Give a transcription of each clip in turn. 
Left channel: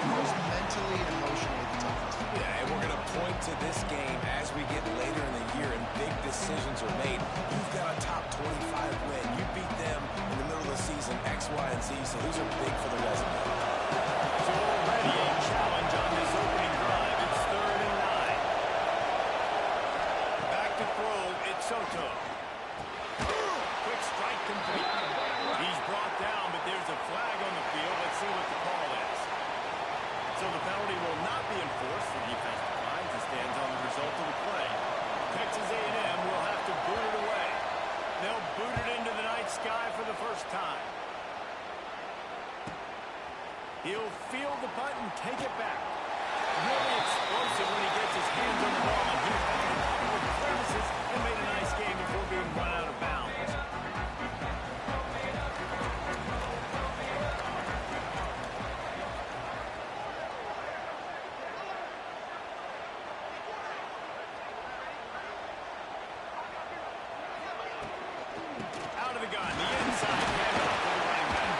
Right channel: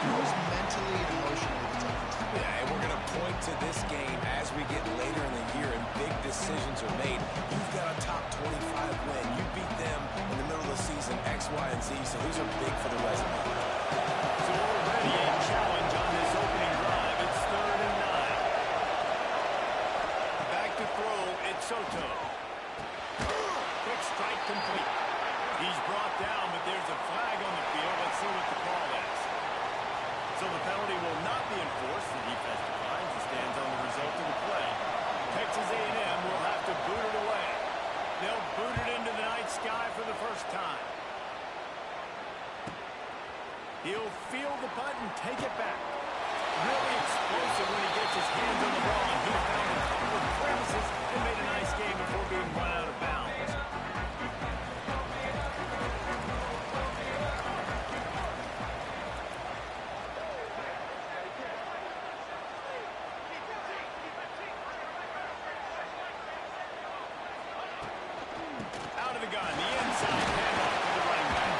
Who's mentally and emotionally the toughest? Yeah, and we're going to point to this game as we get later in the year and big decisions are made. You've got a top 25 win. You beat them in the middle of the season, X, Y, and Z, so these are big for the resume. So already a challenge on this opening drive. It's 3rd and 9. Back to throw, it's Soto. Quick strike complete. He's brought down, but there's a flag on the field. Let's see what the call is. So the penalty will not be enforced. The defense declines and stands on the result of the play. Texas A&M will have to boot it away. They'll boot it into the night sky for the first time. He'll field the punt and take it back. Really explosive when he gets his hands on the ball, and he found a couple of crevices and made a nice game before being run out of bounds. Out of the gun, the inside handoff to the running back.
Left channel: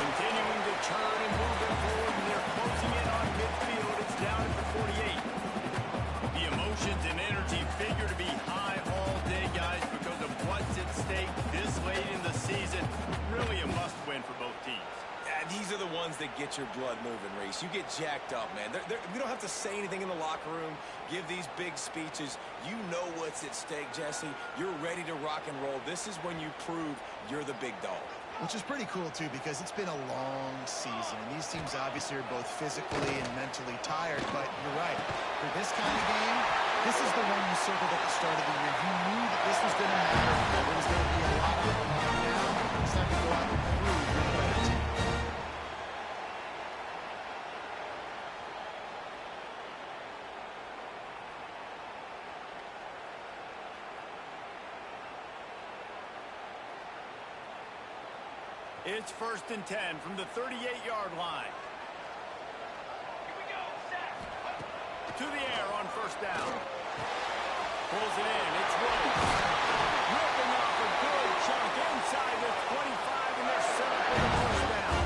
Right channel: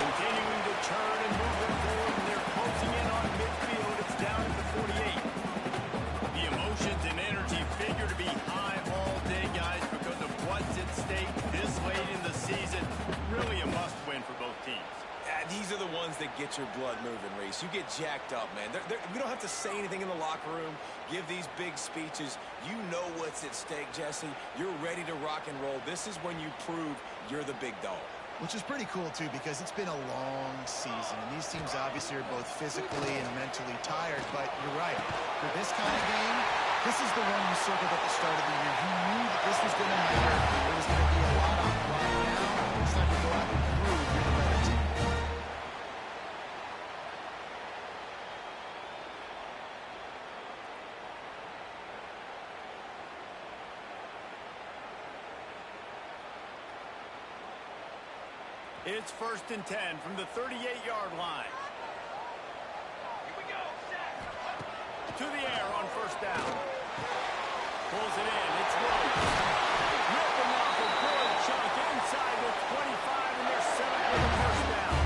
Continuing to turn and move it forward, and they're closing in on midfield. It's down at the 48. The emotions and energy figure to be high all day, guys, because of what's at stake this late in the season. Really a must-win for both teams. Yeah, these are the ones that get your blood moving, Reese. You get jacked up, man. We don't have to say anything in the locker room, give these big speeches. You know what's at stake, Jesse. You're ready to rock and roll. This is when you prove you're the big dog. Which is pretty cool, too, because it's been a long season. And these teams obviously are both physically and mentally tired. But you're right. For this kind of game, this is the one you circled at the start of the year. You knew that this was going to matter. There was going to be a lot on the line now. It's time to go out and prove you're the better team. It's 1st and 10 from the 38-yard line. Here we go, set. To the air on 1st down. Pulls it in, it's Rhodes. Ripping off a good chunk inside the 25, and they're set up with a 1st down.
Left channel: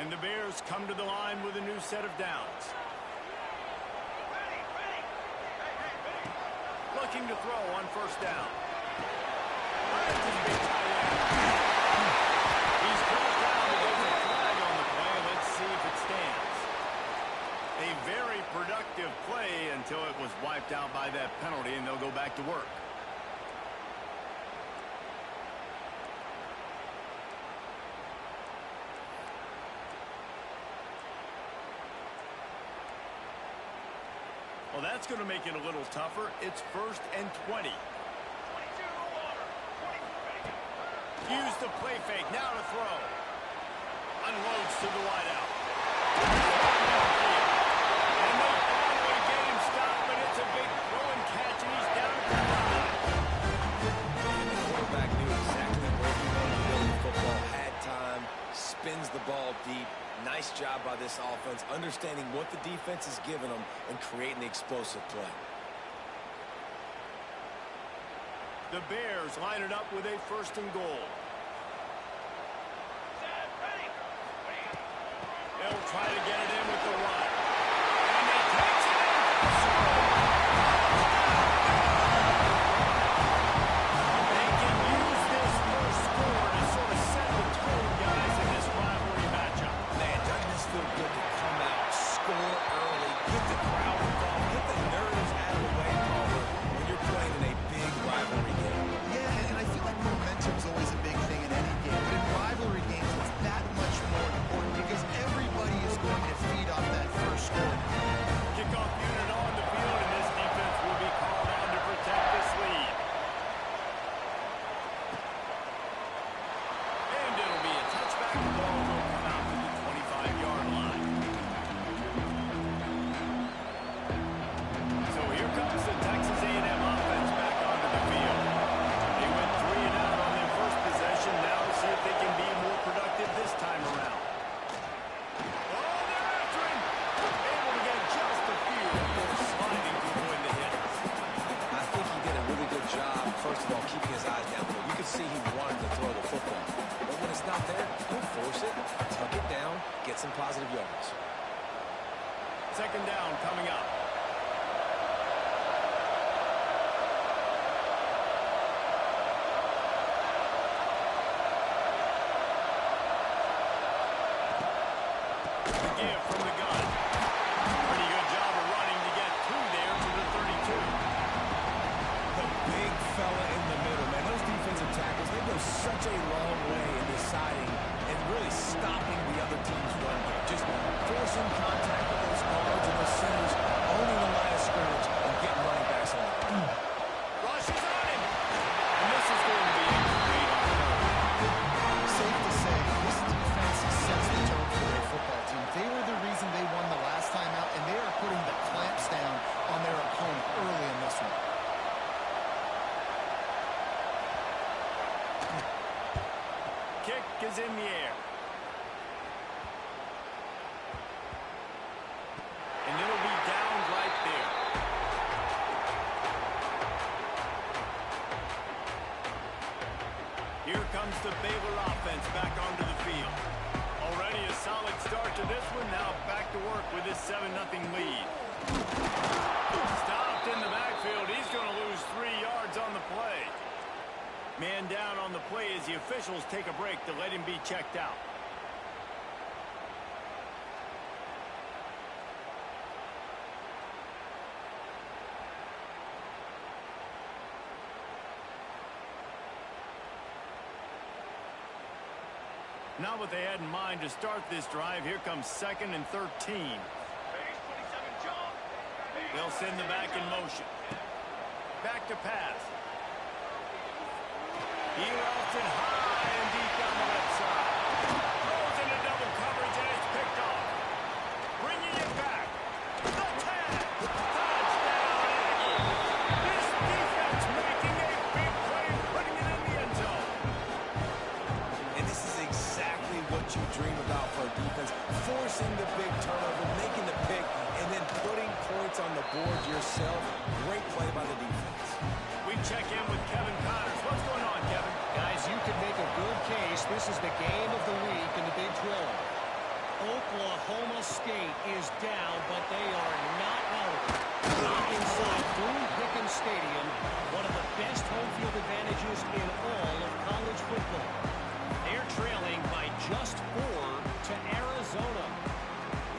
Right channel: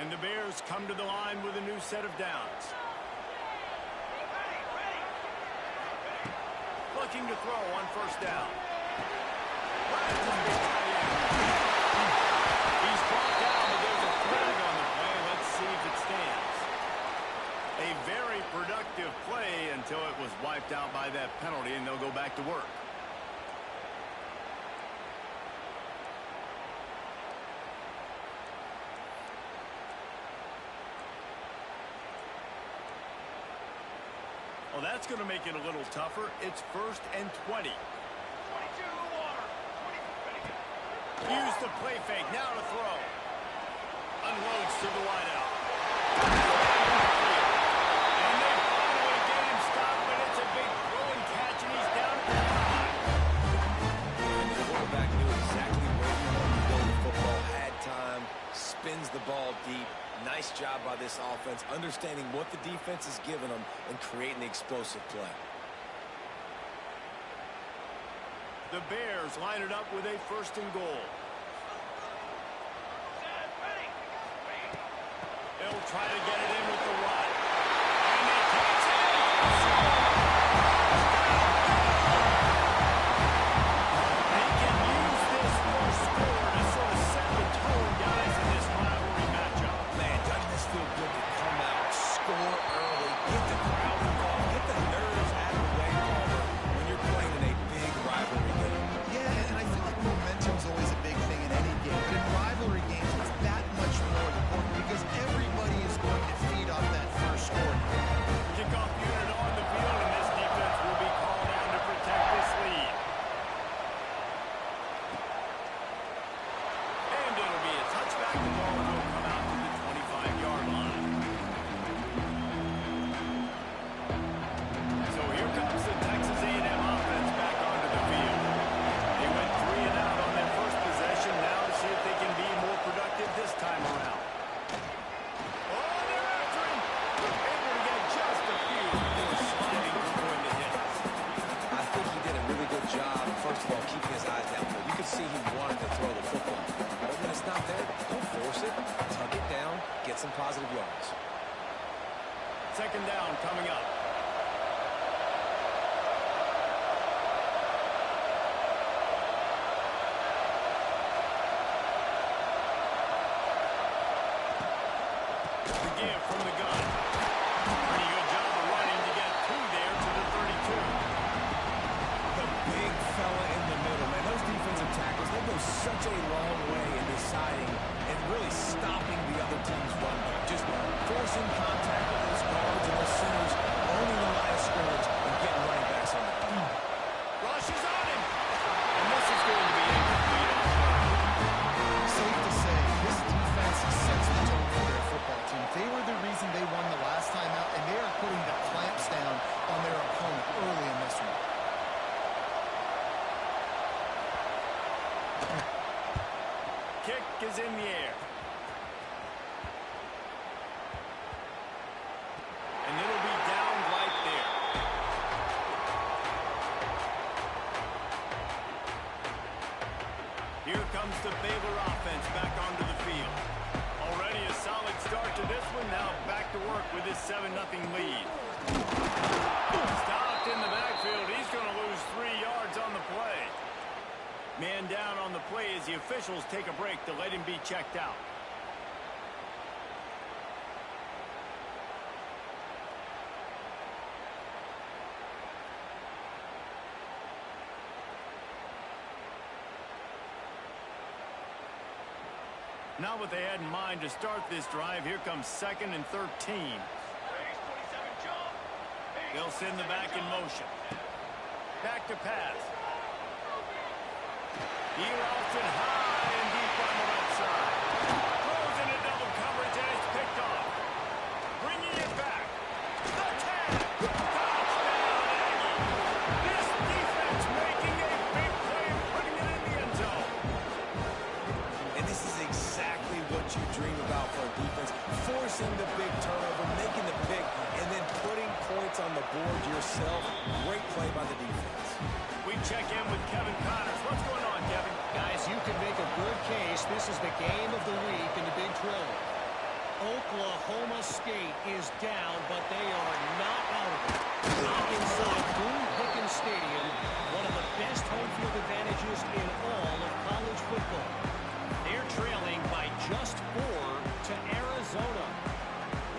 And the Bears come to the line with a new set of downs. Looking to throw on 1st down. Finds his big tight end. He's brought down, but there's a flag on the play. Let's see if it stands. A very productive play until it was wiped out by that penalty, and they'll go back to work. Well, that's going to make it a little tougher. It's 1st and 20. 22 water. 22. Use the play fake. Now to throw. Unloads to the wideout. And they finally get him stopped, but it's a big throw and catch, and he's down at the 5. And the quarterback knew exactly where he wanted to go with the football, had time, spins the ball deep. Nice job by this offense, understanding what the defense is giving them and creating the explosive play. The Bears line it up with a 1st and goal. They'll try to get it in with the run. And he takes it in for a score. They can use this first score to sort of set the tone, guys, in this rivalry matchup. Man, doesn't this feel good to come out, score early, get the crowd involved, get the nerves out of the way, Palmer, when you're playing in a big rivalry game. Yeah, and I feel like momentum's always a big thing in any game. But in rivalry games, it's that much more important because everybody is going to feed off that first score. Kickoff unit on the field, and this defense will be called on to protect this lead. And it'll be a touchback. The ball will come out to the 25-yard line. So here comes the Texas A&M offense back onto the field. They went 3 and out on their first possession. Now to see if they can be more productive this time around. Oh, they're after him. could see he wanted to throw the football. But when it's not there, don't force it. Tuck it down, get some positive yards. Second down coming up. The give from the gun. Pretty good job of running to get two there to the 32. The big fella in the middle, man. Those defensive tackles, they go such a long way in deciding and really stopping the other team's run game. Just forcing contact with those guards and those centers, owning the line of scrimmage, and getting running backs on the ground. Rush is on him. And this is going to be incomplete on third. Safe to say, this defense sets the tone for their football team. They were the reason they won the last time out, and they are putting the clamps down on their opponent early in this one. Kick is in the air. And it'll be downed right there. Here comes the Baylor offense back onto the field. Already a solid start to this one. Now back to work with this 7-0 lead. Stopped in the backfield. He's going to lose 3 yards on the play. Man down on the play as the officials take a break to let him be checked out. Not what they had in mind to start this drive. Here comes 2nd and 13. They'll send the back in motion. Back to pass. He routes it high and deep down the left side. Throws into double coverage and it's picked off. Bringing it back. The tag. Touchdown, Aggie. This defense making a big play and putting it in the end zone. And this is exactly what you dream about for a defense. Forcing the big turnover, making the pick, and then putting points on the board yourself. Great play by the defense. We check in with Kevin Connors. What's going on, Kevin? Guys, you can make a good case. This is the game of the week in the Big 12. Oklahoma State is down, but they are not out of it. Inside Boone Pickens Stadium, one of the best home field advantages in all of college football. They're trailing by just 4 to Arizona.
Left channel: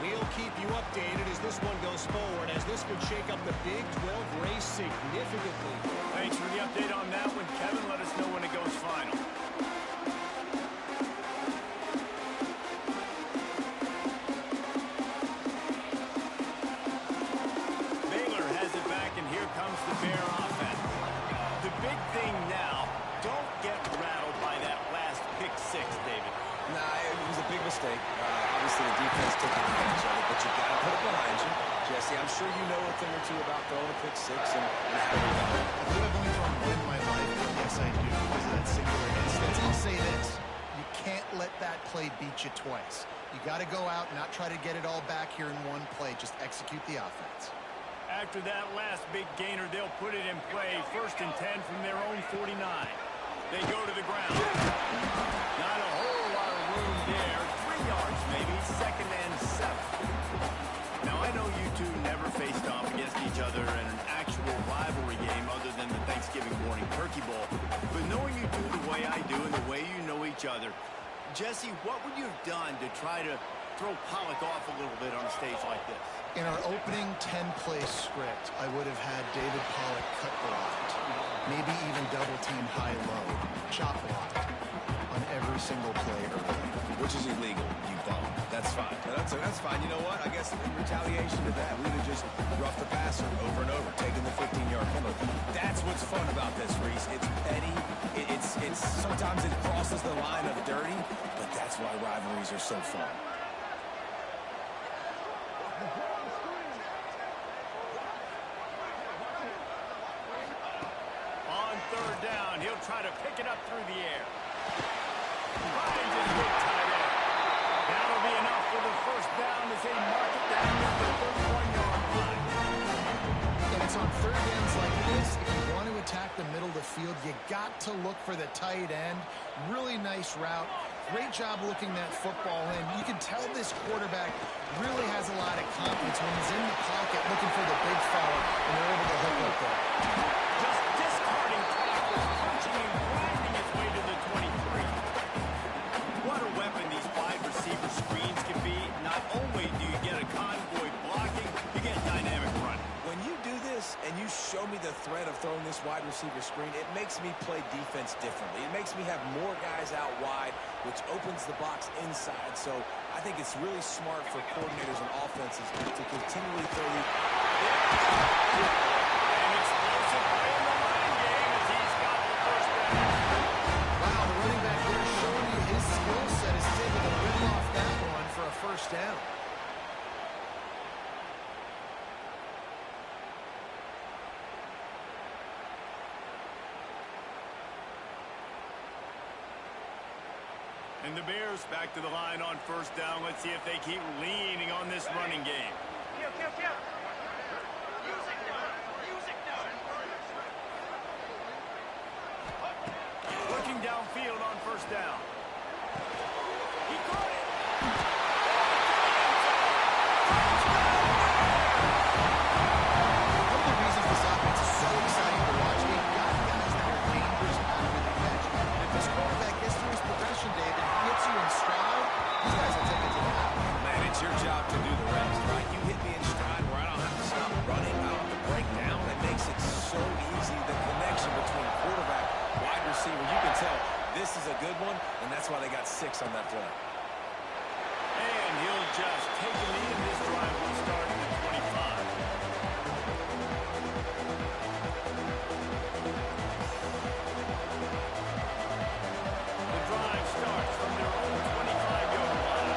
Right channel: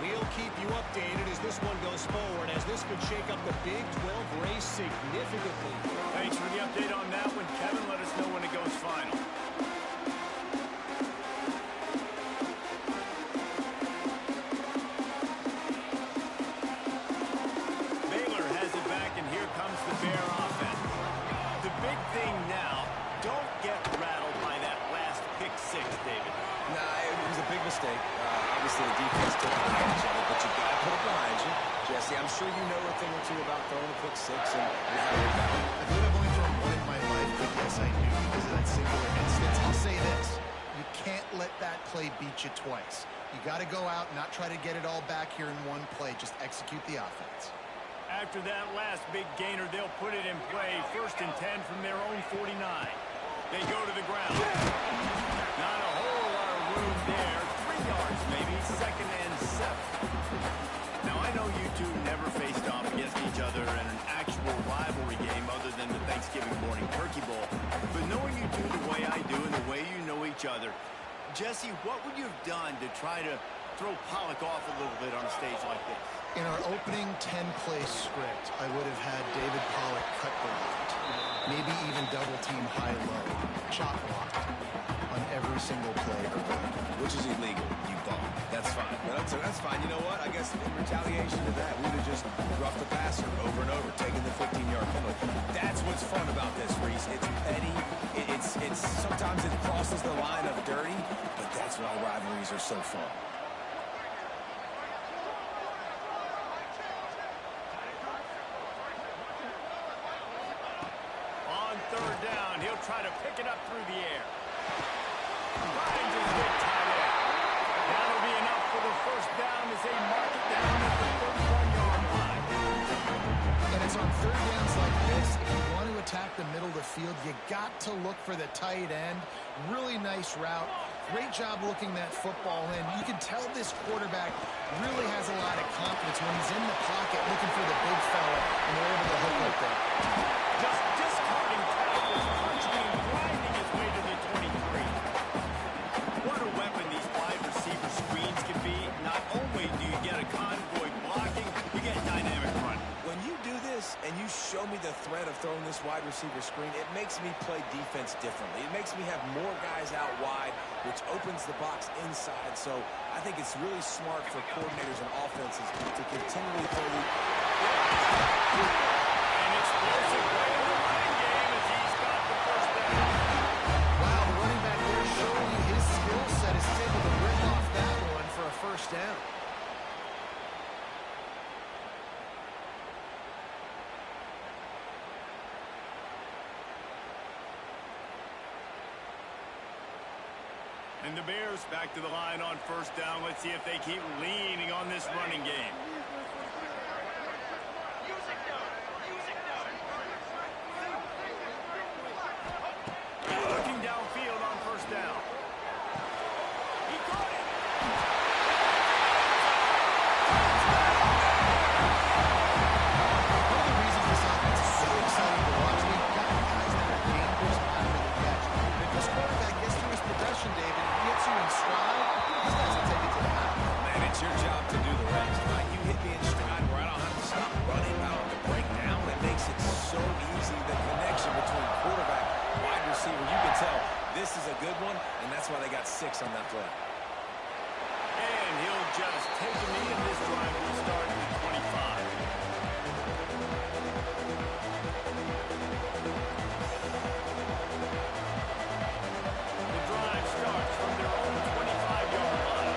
We'll keep you updated as this one goes forward, as this could shake up the Big 12 race significantly. Thanks for the update on that one, Kevin. Let us know when it goes final. Baylor has it back, and here comes the Bear offense. The big thing now, don't get rattled by that last pick 6, David. Nah, it was a big mistake. Obviously, the defense took advantage of it, but you got to put it behind you. Jesse, I'm sure you know a thing or two about throwing a pick 6 and how to rebound. I believe I've only thrown one in my life, but yes, I do because of that singular instance. I'll say this. You can't let that play beat you twice. You got to go out and not try to get it all back here in one play. Just execute the offense. After that last big gainer, they'll put it in play. 1st and 10 from their own 49. They go to the ground. Not a whole lot of room there. 3 yards maybe. 2nd and 7. Now, I know you two never faced off against each other in an actual rivalry game other than the Thanksgiving morning turkey bowl. But knowing you two the way I do and the way you know each other, Jesse, what would you have done to try to throw Pollock off a little bit on a stage like this? In our opening 10-play script, I would have had David Pollock cut blocked. Maybe even double team high-low, chop blocked on every single play early. Which is illegal, you bum. That's fine. But that's fine. You know what? I guess in retaliation to that, we would have just roughed the passer over and over, taking the 15-yard penalty. That's what's fun about this, Reese. It's petty. It's sometimes it crosses the line of dirty, but that's why rivalries are so fun. On 3rd down, he'll try to pick it up through the air. Finds his big tight end. That'll be enough for the 1st down as they mark it down at the 31-yard line. And it's on 3rd downs like this, if you want to attack the middle of the field, you got to look for the tight end. Really nice route. Great job looking that football in. You can tell this quarterback really has a lot of confidence when he's in the pocket looking for the big fella, and they're able to hook up there. Just discarding tackles, punching and grinding his way to the 23. What a weapon these wide receiver screens can be. Not only do you get a convoy blocking, you get dynamic running. When you do this and you show me the threat of throwing this wide receiver screen, it makes me play defense differently. It makes me have more guys out wide, which opens the box inside. So I think it's really smart for coordinators and offenses to continually throw the... An explosive play in the running game as he's got the first down. Wow, the running back there showing you his skill set is able to rip off that one for a first down. And the Bears back to the line on first down. Let's see if they keep leaning on this running game. Looking downfield on first down. He caught it. One of the reasons this offense is so exciting to watch, we've got guys that are dangerous after the catch. And if this quarterback gets through his progression, David, hits you in stride, these guys will take it to the house. Man, it's your job to do the rest, right? You hit me in stride where I don't have to stop running. I don't have to break down. It makes it so easy. The connection between quarterback, wide receiver, you can tell this is a good one, and that's why they got 6 on that play. And he'll just take a knee, and this drive will start at the 25. The drive starts from their own 25-yard line.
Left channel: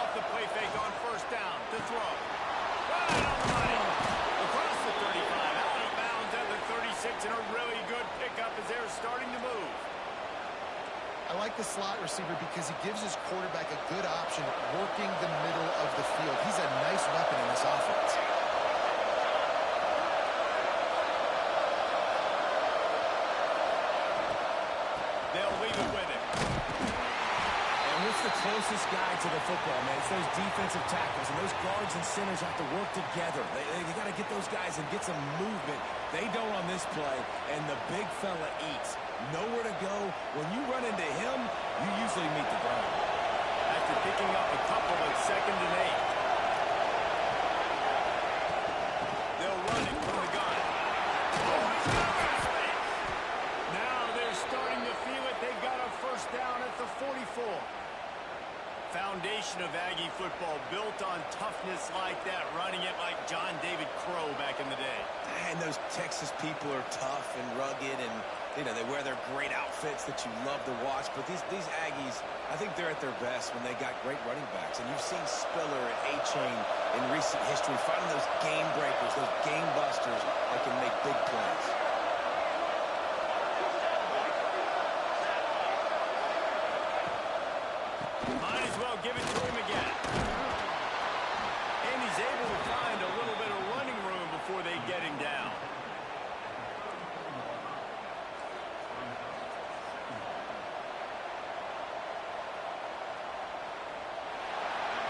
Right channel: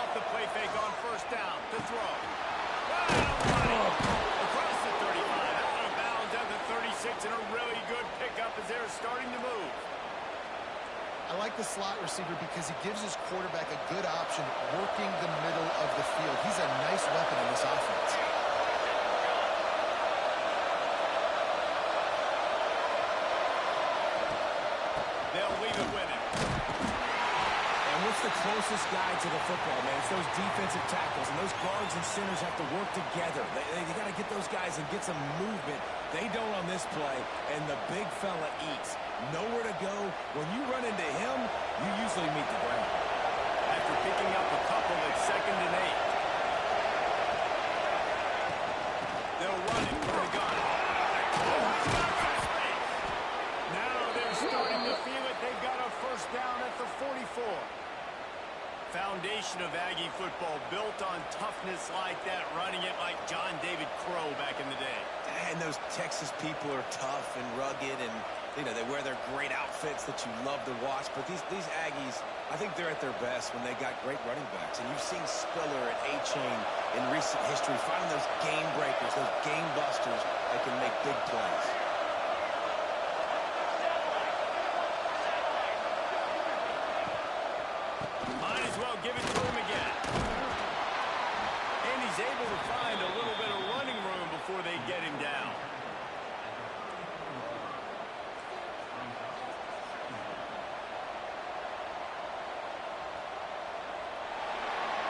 Off the play fake on first down to throw. Right on money. Across the 35, out of bounds at the 36, and a really good pickup as they're starting to move. I like the slot receiver because he gives his quarterback a good option working the middle of the field. He's a nice weapon in this offense. They'll leave it with him. And what's the closest guy to the football, man? It's those defensive tackles, and those guards and centers have to work together. They got to get those guys and get some movement. They don't on this play, and the big fella eats. Nowhere to go. When you run into him, you usually meet the ground. After picking up a couple at 2nd and 8. They'll run it from the gun. Oh, he's got some space. Now they're starting to feel it. They've got a first down at the 44. Foundation of Aggie football built on toughness like that, running it like John David Crow back in the day. And those Texas people are tough and rugged, and you know they wear their great outfits that you love to watch. But these Aggies, I think they're at their best when they got great running backs. And you've seen Spiller and A-Chain in recent history finding those game breakers, those game busters that can make big plays. Might as well give it to him again. And he's able to find a little bit of running room before they get him down.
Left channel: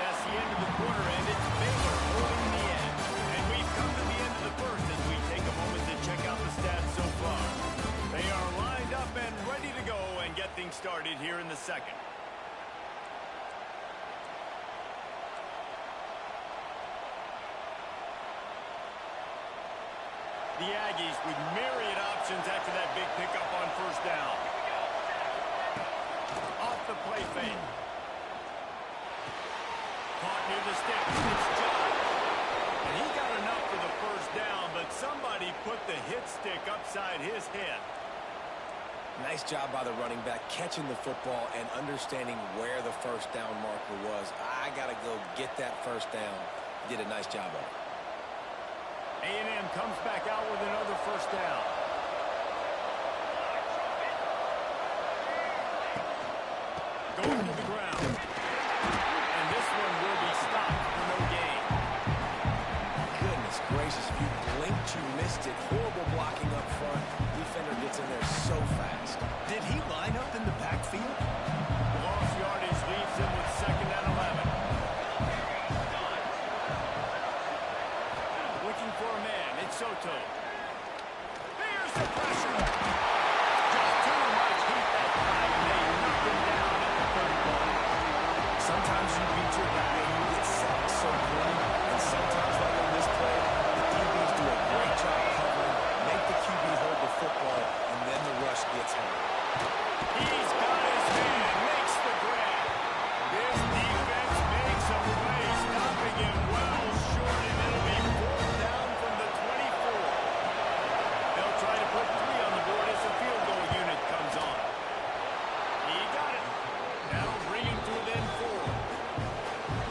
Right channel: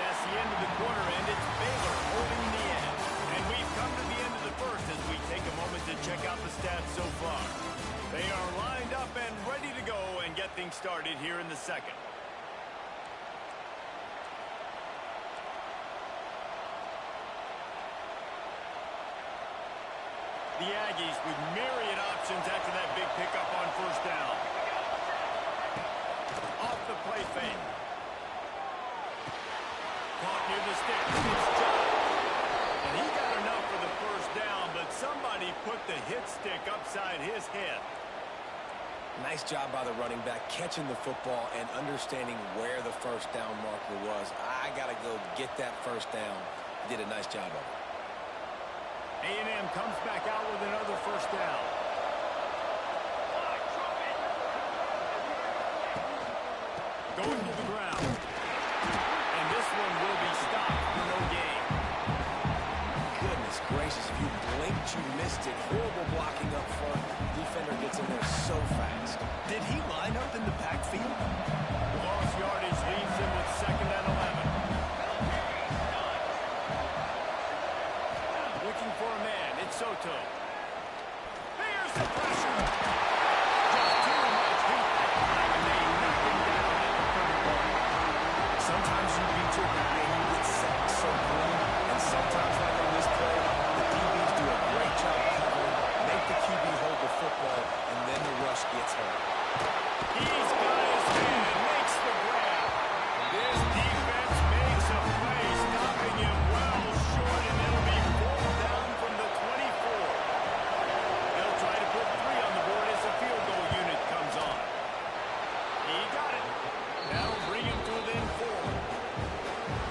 That's the end of the quarter, and it's Baylor holding the end. And we've come to the end of the first as we take a moment to check out the stats so far. They are lined up and ready to go and get things started here in the second. The Aggies with myriad options after that big pickup on first down. Off the play fake. Caught near the stick. It's John. And he got enough for the first down, but somebody put the hit stick upside his head. Nice job by the running back, catching the football and understanding where the first down marker was. I got to go get that first down. He did a nice job of it. A&M comes back out with another first down. Going to the ground. And this one will be stopped for no Goodness gracious, if you blinked, you missed it. Horrible blocking up front. Defender gets in there so fast. Did he line up in the backfield? The lost yardage leaves him with 2nd and 11. Looking for a man. It's Soto. There's the pressure. Just too much heat that time, and they knock him down at the 31. Sometimes you beat your guy and you get sacked so clean, and sometimes, like on this play, the DBs do a great job covering, make the QB hold the football, and then the rush gets home. He's got his man, makes the grab. This defense makes a play, stopping him well short, and it'll be 4th down from the 24. They'll try to put 3 on the board as the field goal unit comes on. He got it. That'll bring him to within 4.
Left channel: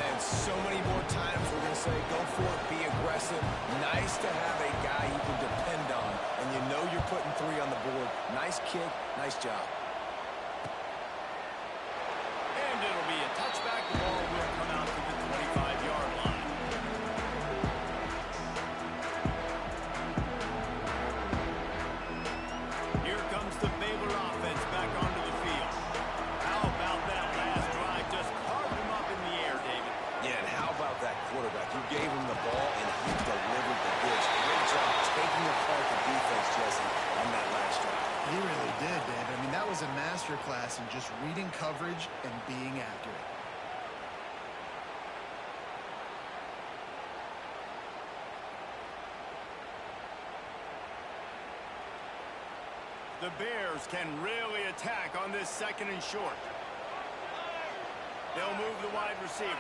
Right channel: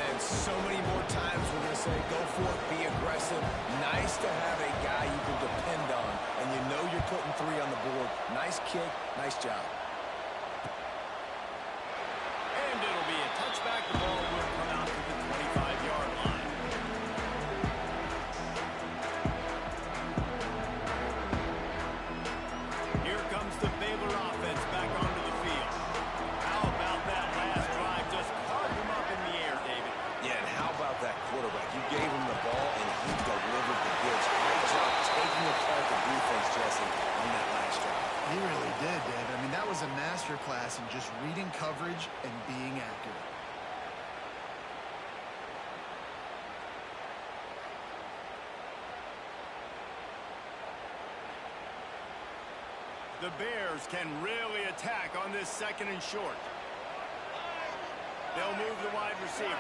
Man, so many more times we're going to say, go for it, be aggressive. Nice to have a guy you can depend on, and you know you're putting 3 on the board. Nice kick, nice job. And it'll be a touchback. The ball will come out to the 25-yard line. Here comes the Baylor offense back onto the field. How about that last drive? Just carved him up in the air, David. Yeah, and how about that quarterback? You gave him the ball, and he delivered the goods. Great job taking apart the defense, Jesse, on that last drive. He really did, David. I mean, that was a masterclass in just reading coverage and being accurate. The Bears can really attack on this 2nd and short. They'll move the wide receiver.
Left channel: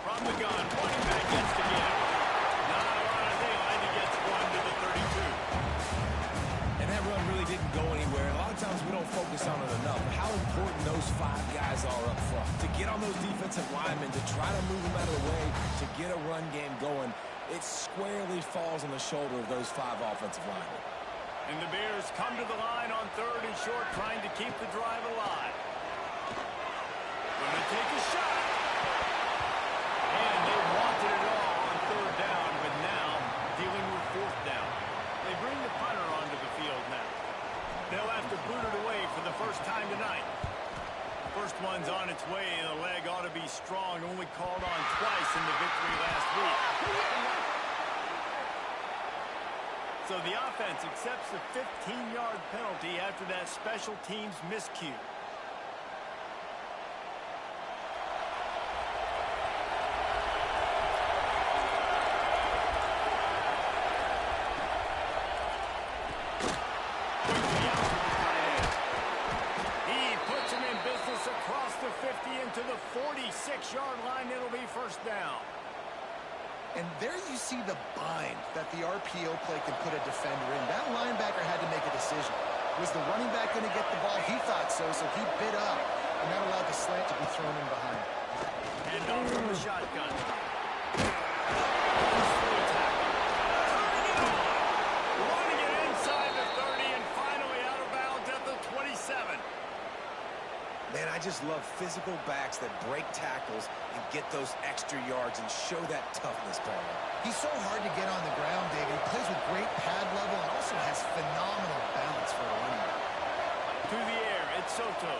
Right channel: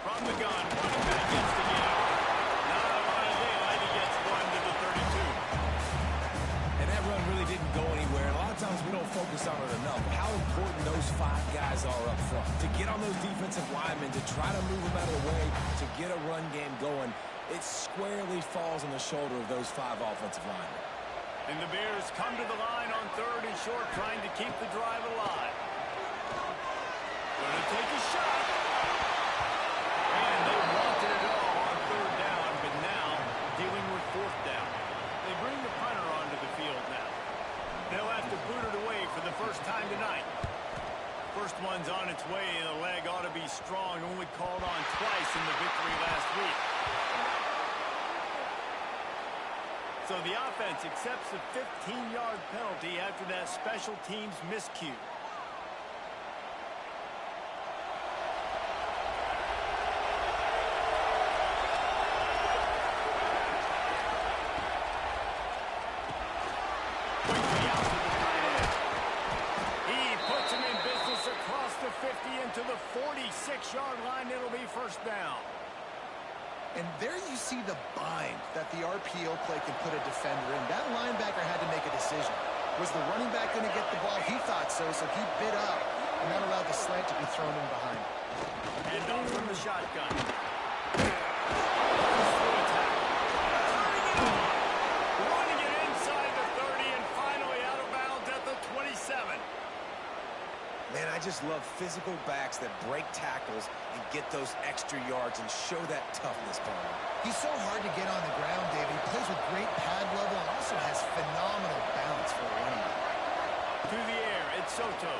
From the gun, running back gets to get him. Not a lot of daylight. He gets 1 to the 32. And that run really didn't go anywhere. And a lot of times we don't focus on it enough. How important those 5 guys are up front. To get on those defensive linemen, to try to move them out of the way, to get a run game going, it squarely falls on the shoulder of those 5 offensive linemen. And the Bears come to the line on 3rd and short, trying to keep the drive alive. Going to take a shot. And they wanted it all on 3rd down, but now dealing with 4th down. They bring the punter onto the field now. They'll have to boot it away for the first time tonight. First one's on its way. The leg ought to be strong. Only called on twice in the victory last week. So the offense accepts the 15-yard penalty after that special teams miscue. Quickly out to the tight end. He puts him in business across the 50 into the 46-yard line. It'll be 1st down. And there you see the bind that the RPO play can put a defender in. That linebacker had to make a decision. Was the running back going to get the ball? He thought so, so he bit up, and that allowed the slant to be thrown in behind. And off from the shotgun. Runs through a tackle. Turning it on. Running it inside the 30 and finally out of bounds at the 27. Man, I just love physical backs that break tackles and get those extra yards and show that toughness, Palmer. He's so hard to get on the ground, David. He plays with great pad level and also has phenomenal balance for a running back. To the air, it's Soto.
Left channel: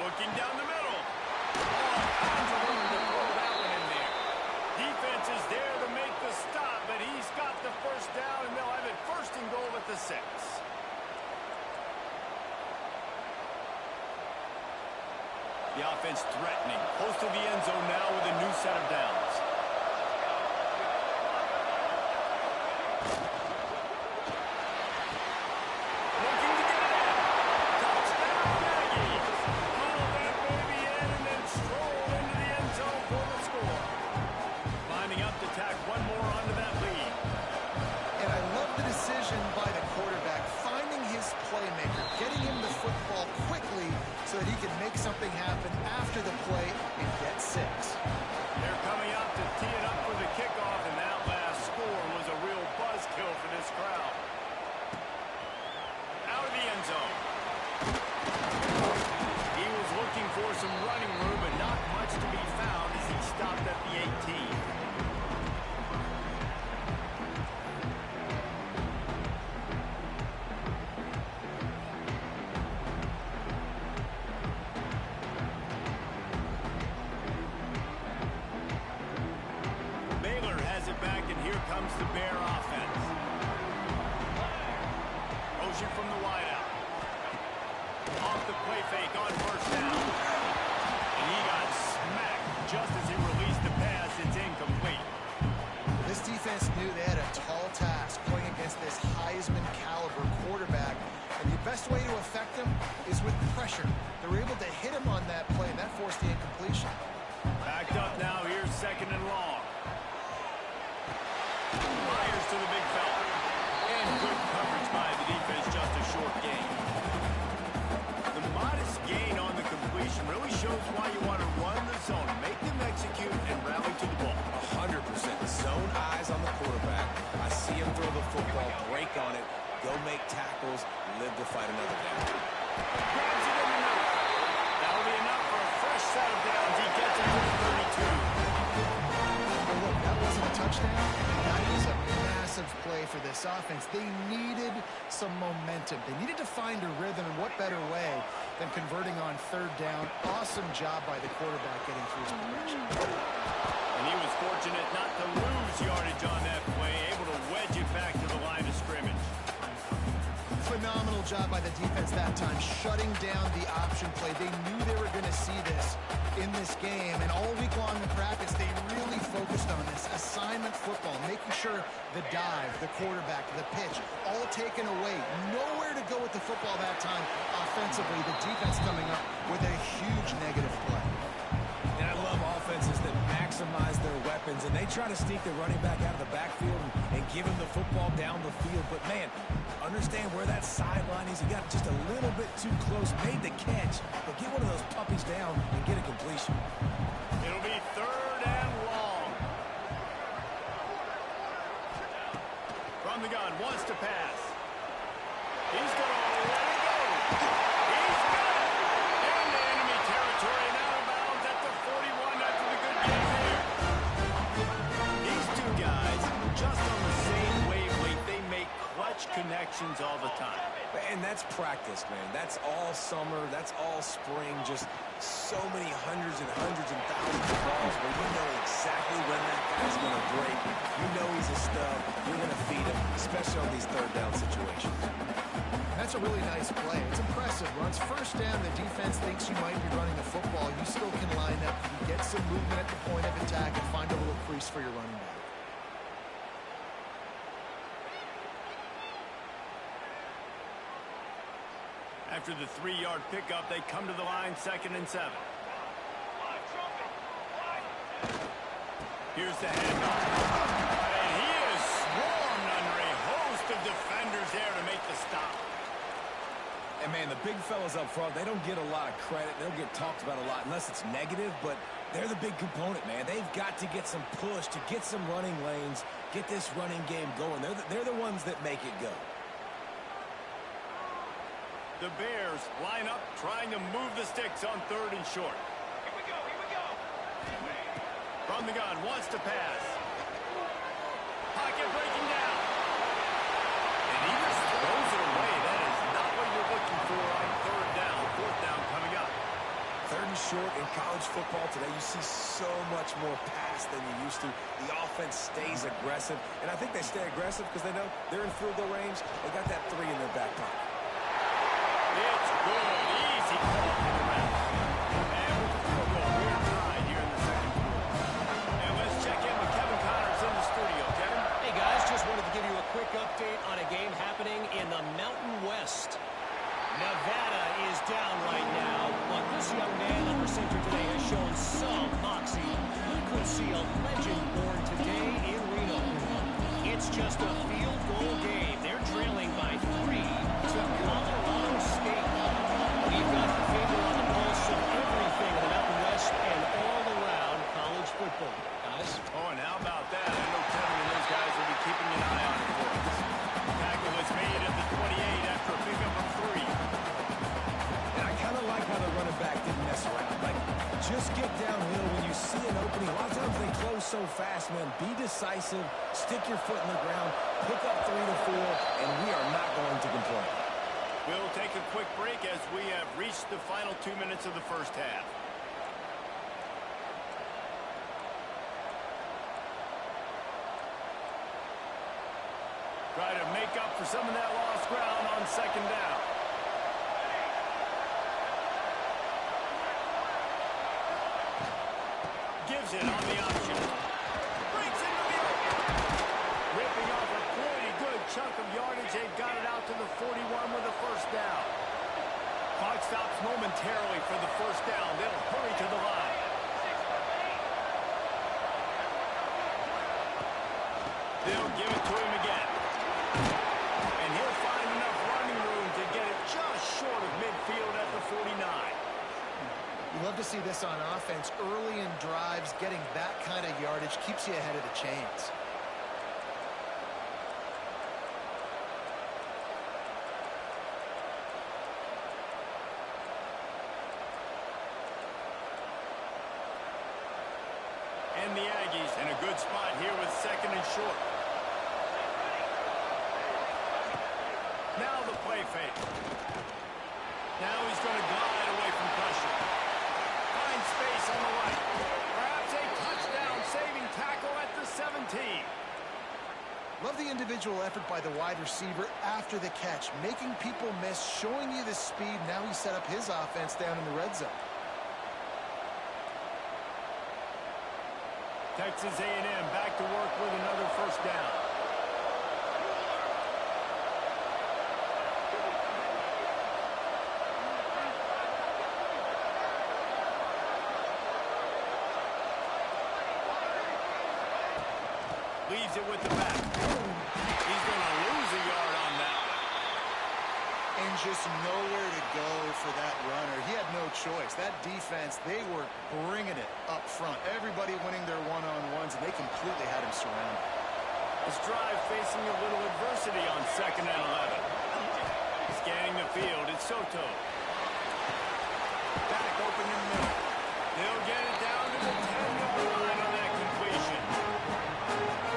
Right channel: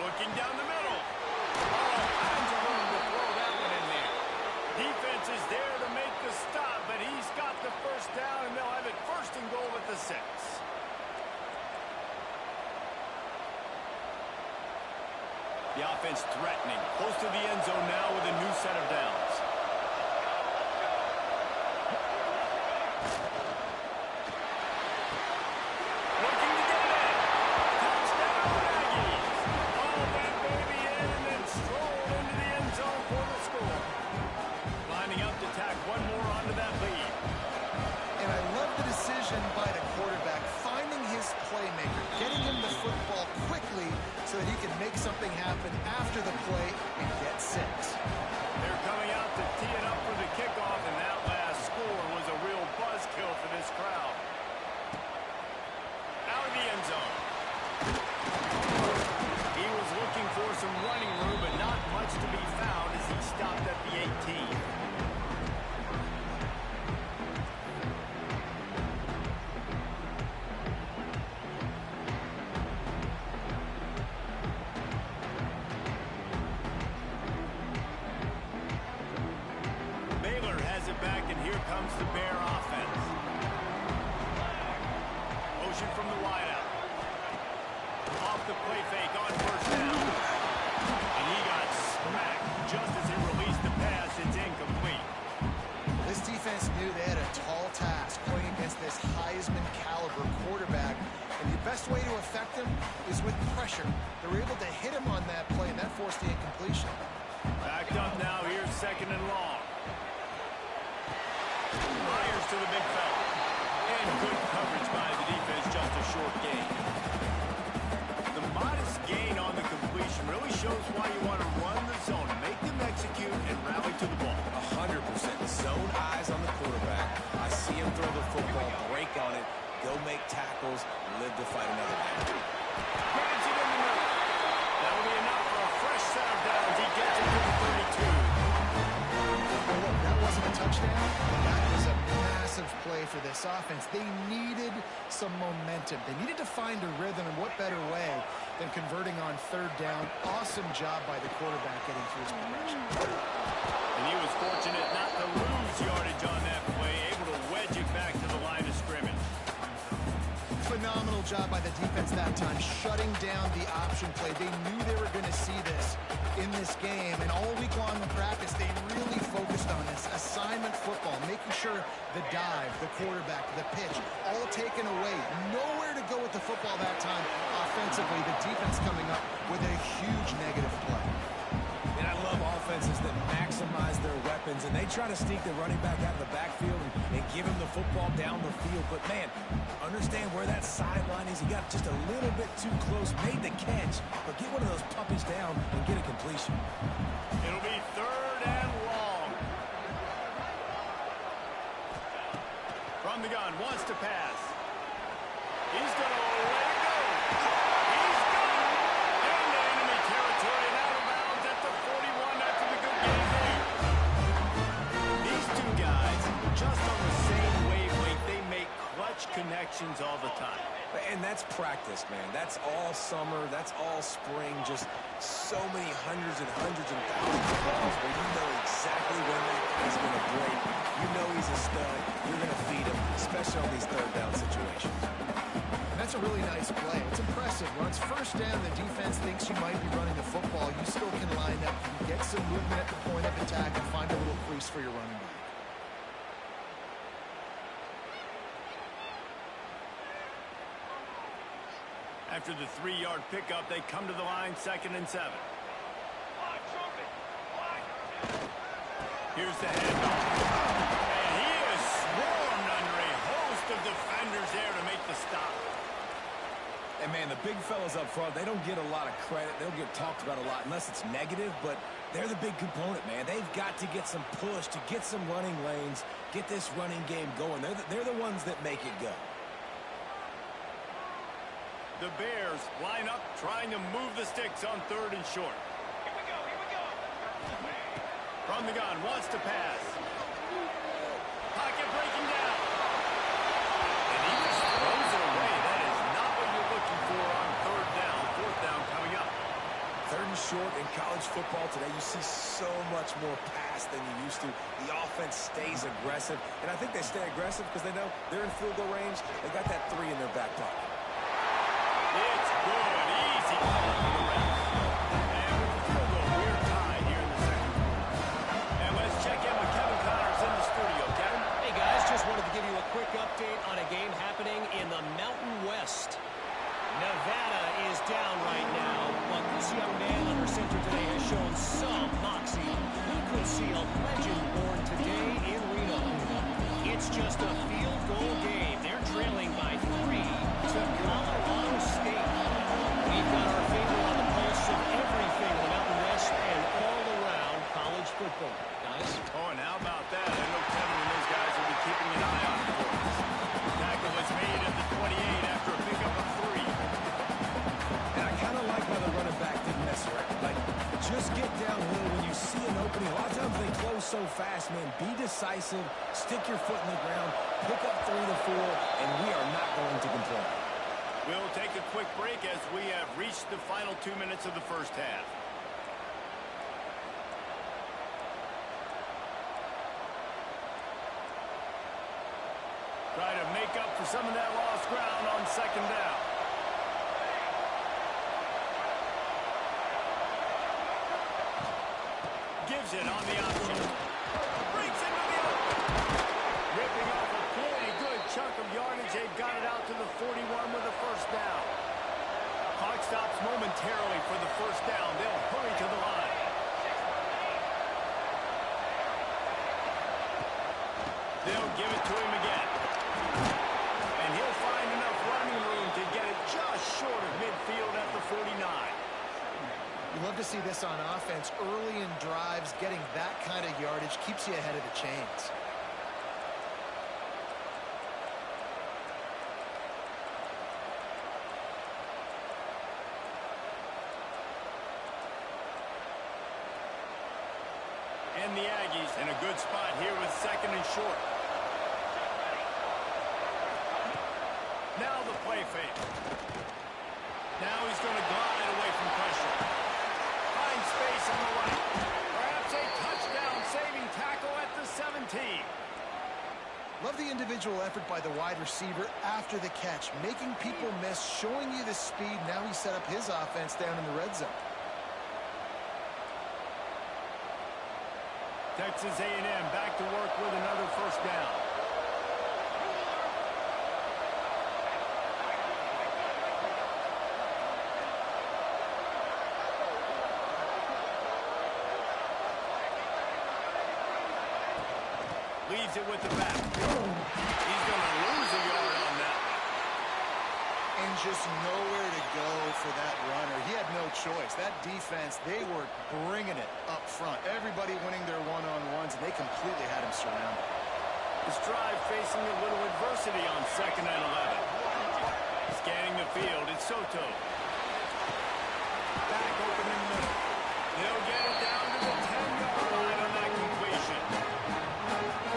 Looking down the middle. All kinds of room to throw that one in there. Defense is there to make the stop, but he's got the 1st down, and they'll have it 1st and goal at the 6. The offense threatening, close to the end zone now with a new set of downs. Looking to get it in. Touchdown, Aggies. All that baby in and then stroll into the end zone for the score. Lining up to tack one more onto that lead. And I love the decision by the quarterback, finding his playmaker, getting him the football quickly so that he can make something happen after the play and get 6. They're coming out to tee it up for the kickoff, and that last score was a real buzzkill for this crowd. Out of the end zone. He was looking for some running room, but not much to be found as he stopped at the 18. the Bear offense. Motion from the wideout. Off the play fake on first down. And he got smacked just as he released the pass. It's incomplete. This defense knew they had a tall task playing against this Heisman caliber quarterback, and the best way to affect him is with pressure. They were able to hit him on that play, and that forced the incompletion. Backed up now. Here's 2nd and long. Myers to the big fella. And good coverage by the defense, just a short gain. The modest gain on the completion really shows why you want to run the zone, make them execute, and rally to the ball. 100%. Zone eyes on the quarterback. I see him throw the football, break on it, go make tackles, live to fight another down. Grabs it in the middle. That'll be enough for a fresh set of downs. He gets it to the 32. Well, look, that wasn't a touchdown. That was a massive play for this offense. They needed some momentum. They needed to find a rhythm, and what better way than converting on 3rd down. Awesome job by the quarterback getting through his progression. And he was fortunate not to lose yardage on that play, able to wedge it back to the line of scrimmage. Phenomenal job by the defense that time, shutting down the option play. They knew they were going to see this in this game, and all week long in practice, they really focused on this assignment football, making sure the dive, the quarterback, the pitch, all taken away. Nowhere to go with the football that time offensively. The defense coming up with a huge negative play. And I love offenses that maximize their weapons, and they try to sneak the running back out of the backfield and give him the football down the field. But, man, understand where that sideline is. He got just a little bit too close, made the catch, but get one of those puppies down and get a completion. It'll be 3rd and long. From the gun, wants to pass. He's going to let it go. He's got it. Into enemy territory and out of bounds at the 41 after the good game there. These two guys, just on the same wavelength, they make clutch connections all the time. And that's practice, man. That's all summer. That's all spring. Just so many hundreds and thousands of balls where you know exactly when that guy's going to break. You know he's a stud. You're going to feed him, especially on these 3rd down situations. That's a really nice play. It's impressive. Once 1st down, the defense thinks you might be running the football. You still can line up. You can get some movement at the point of attack and find a little crease for your running back. After the 3-yard pickup, they come to the line, 2nd and 7. Here's the handoff. And he is swarmed under a host of defenders there to make the stop. And, man, the big fellas up front, they don't get a lot of credit. They don't get talked about a lot unless it's negative, but they're the big component, man. They've got to get some push to get some running lanes, get this running game going. They're the ones that make it go. The Bears line up, trying to move the sticks on 3rd and short. Here we go, here we go. From the gun, wants to pass. Pocket breaking down. And he just throws it away. That is not what you're looking for on 3rd down. 4th down coming up. 3rd and short in college football today, you see so much more pass than you used to. The offense stays aggressive, and I think they stay aggressive because they know they're in field goal range. They got that 3 in their back pocket. It's good. Easy call for the refs. And with the field goal, we're tied here in the 2nd quarter. And let's check in with Kevin Connors in the studio. Kevin? Hey, guys, just wanted to give you a quick update on a game happening in the Mountain West. Nevada is down right now, but this young man under center today has shown some moxie. We could see a legend born today in Reno. It's just a field goal game. They're trailing by 3 to Colorado State. We've got our finger on the pulse of everything in the Mountain West and all around college football. Guys? Oh, and how about that? I know Kevin and those guys will be keeping an eye on it for us. Tackle is made at the 28 after a pickup of 3. And I kind of like how the running back didn't mess around. Like, just get downhill when you see an opening. A lot of times they close so fast, man. Be decisive, stick your foot in the ground, pick up 3 to 4, and we are not going to complain. We'll take a quick break as we have reached the final 2 minutes of the 1st half. Try to make up for some of that lost ground on second down. Gives it on the option. Breaks into the open. Ripping off a pretty good chunk of yardage. They've got it out to the 41 with a first down. Clock stops momentarily for the first down. They'll hurry to the line. They'll give it to him again. And he'll find enough running room to get it just short of midfield at the 49. You love to see this on offense. Early in drives, getting that kind of yardage keeps you ahead of the chains. And the Aggies in a good spot here with second and short. Now the play fake. Now he's going to glide away from pressure. Finds space on the right. Perhaps a touchdown-saving tackle at the 17. Love the individual effort by the wide receiver after the catch, making people miss, showing you the speed. Now he set up his offense down in the red zone. Texas A&M back to work with another first down. Leaves it with the back. He's going to lose a yard on that one. And just nowhere to go for that runner. He had no choice. That defense, they were bringing it up front. Everybody winning their one-on-ones, and they completely had him surrounded. This drive facing a little adversity on second and 11. Scanning the field, it's Soto. Back open in the middle. They'll get it down to the 10-yard line on that completion.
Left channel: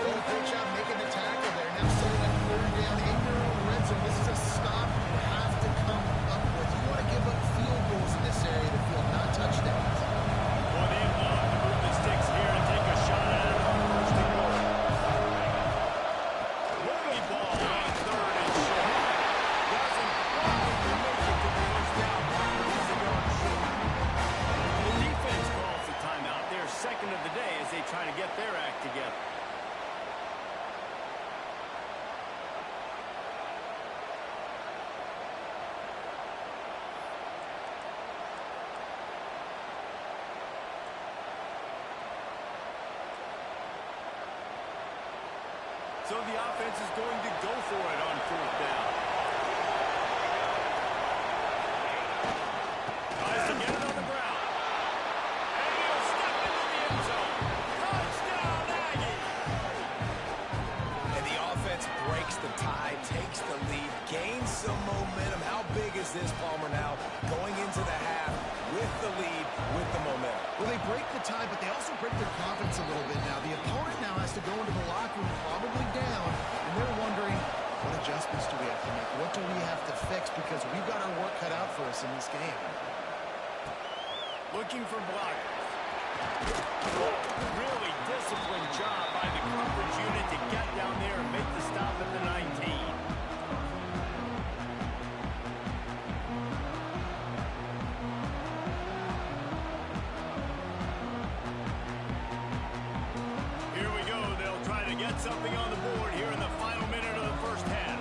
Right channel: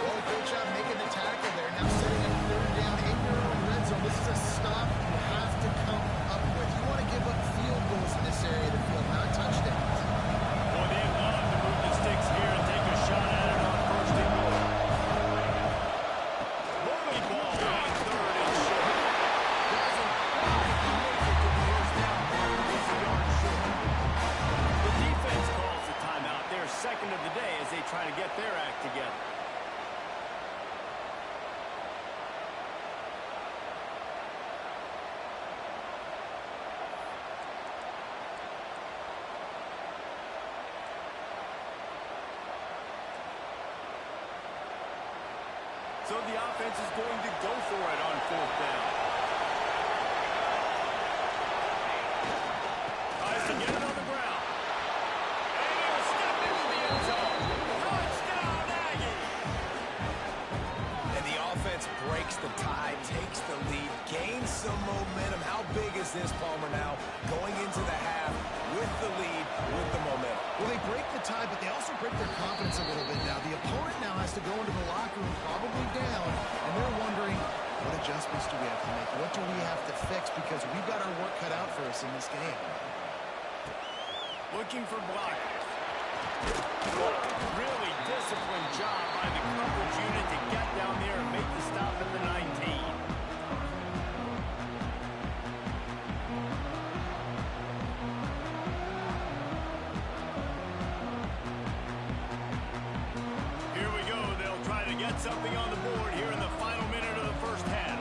Well, great job making the tackle there. Now setting up third down in your own red zone. This is a stop you have to come up with. You want to give up field goals in this area of the field, not touchdowns. Boy, they'd love to move the sticks here and take a shot at it on first and goal. Early ball on third and short. Doesn't quite make it to the first down mark, but he's a yard short. The defense calls the timeout. Their second of the day as they try to get their act together. So the offense is going to go for it on fourth down. Tries to get it on the ground. And he'll step into the end zone. Touchdown, Aggie! And the offense breaks the tie, takes the lead, gains some momentum. How big is this, Palmer, now going into the half with the lead, with the momentum? Well, they break the tie, but they also break their confidence a little bit now. The opponent now has to go into the locker room probably down, and they're wondering, what adjustments do we have to make? What do we have to fix? Because we've got our work cut out for us in this game. Looking for blockers. Really disciplined job by the coverage unit to get down there and make the stop at the 19. Here we go. They'll try to get something on the board here in the final minute of the first half.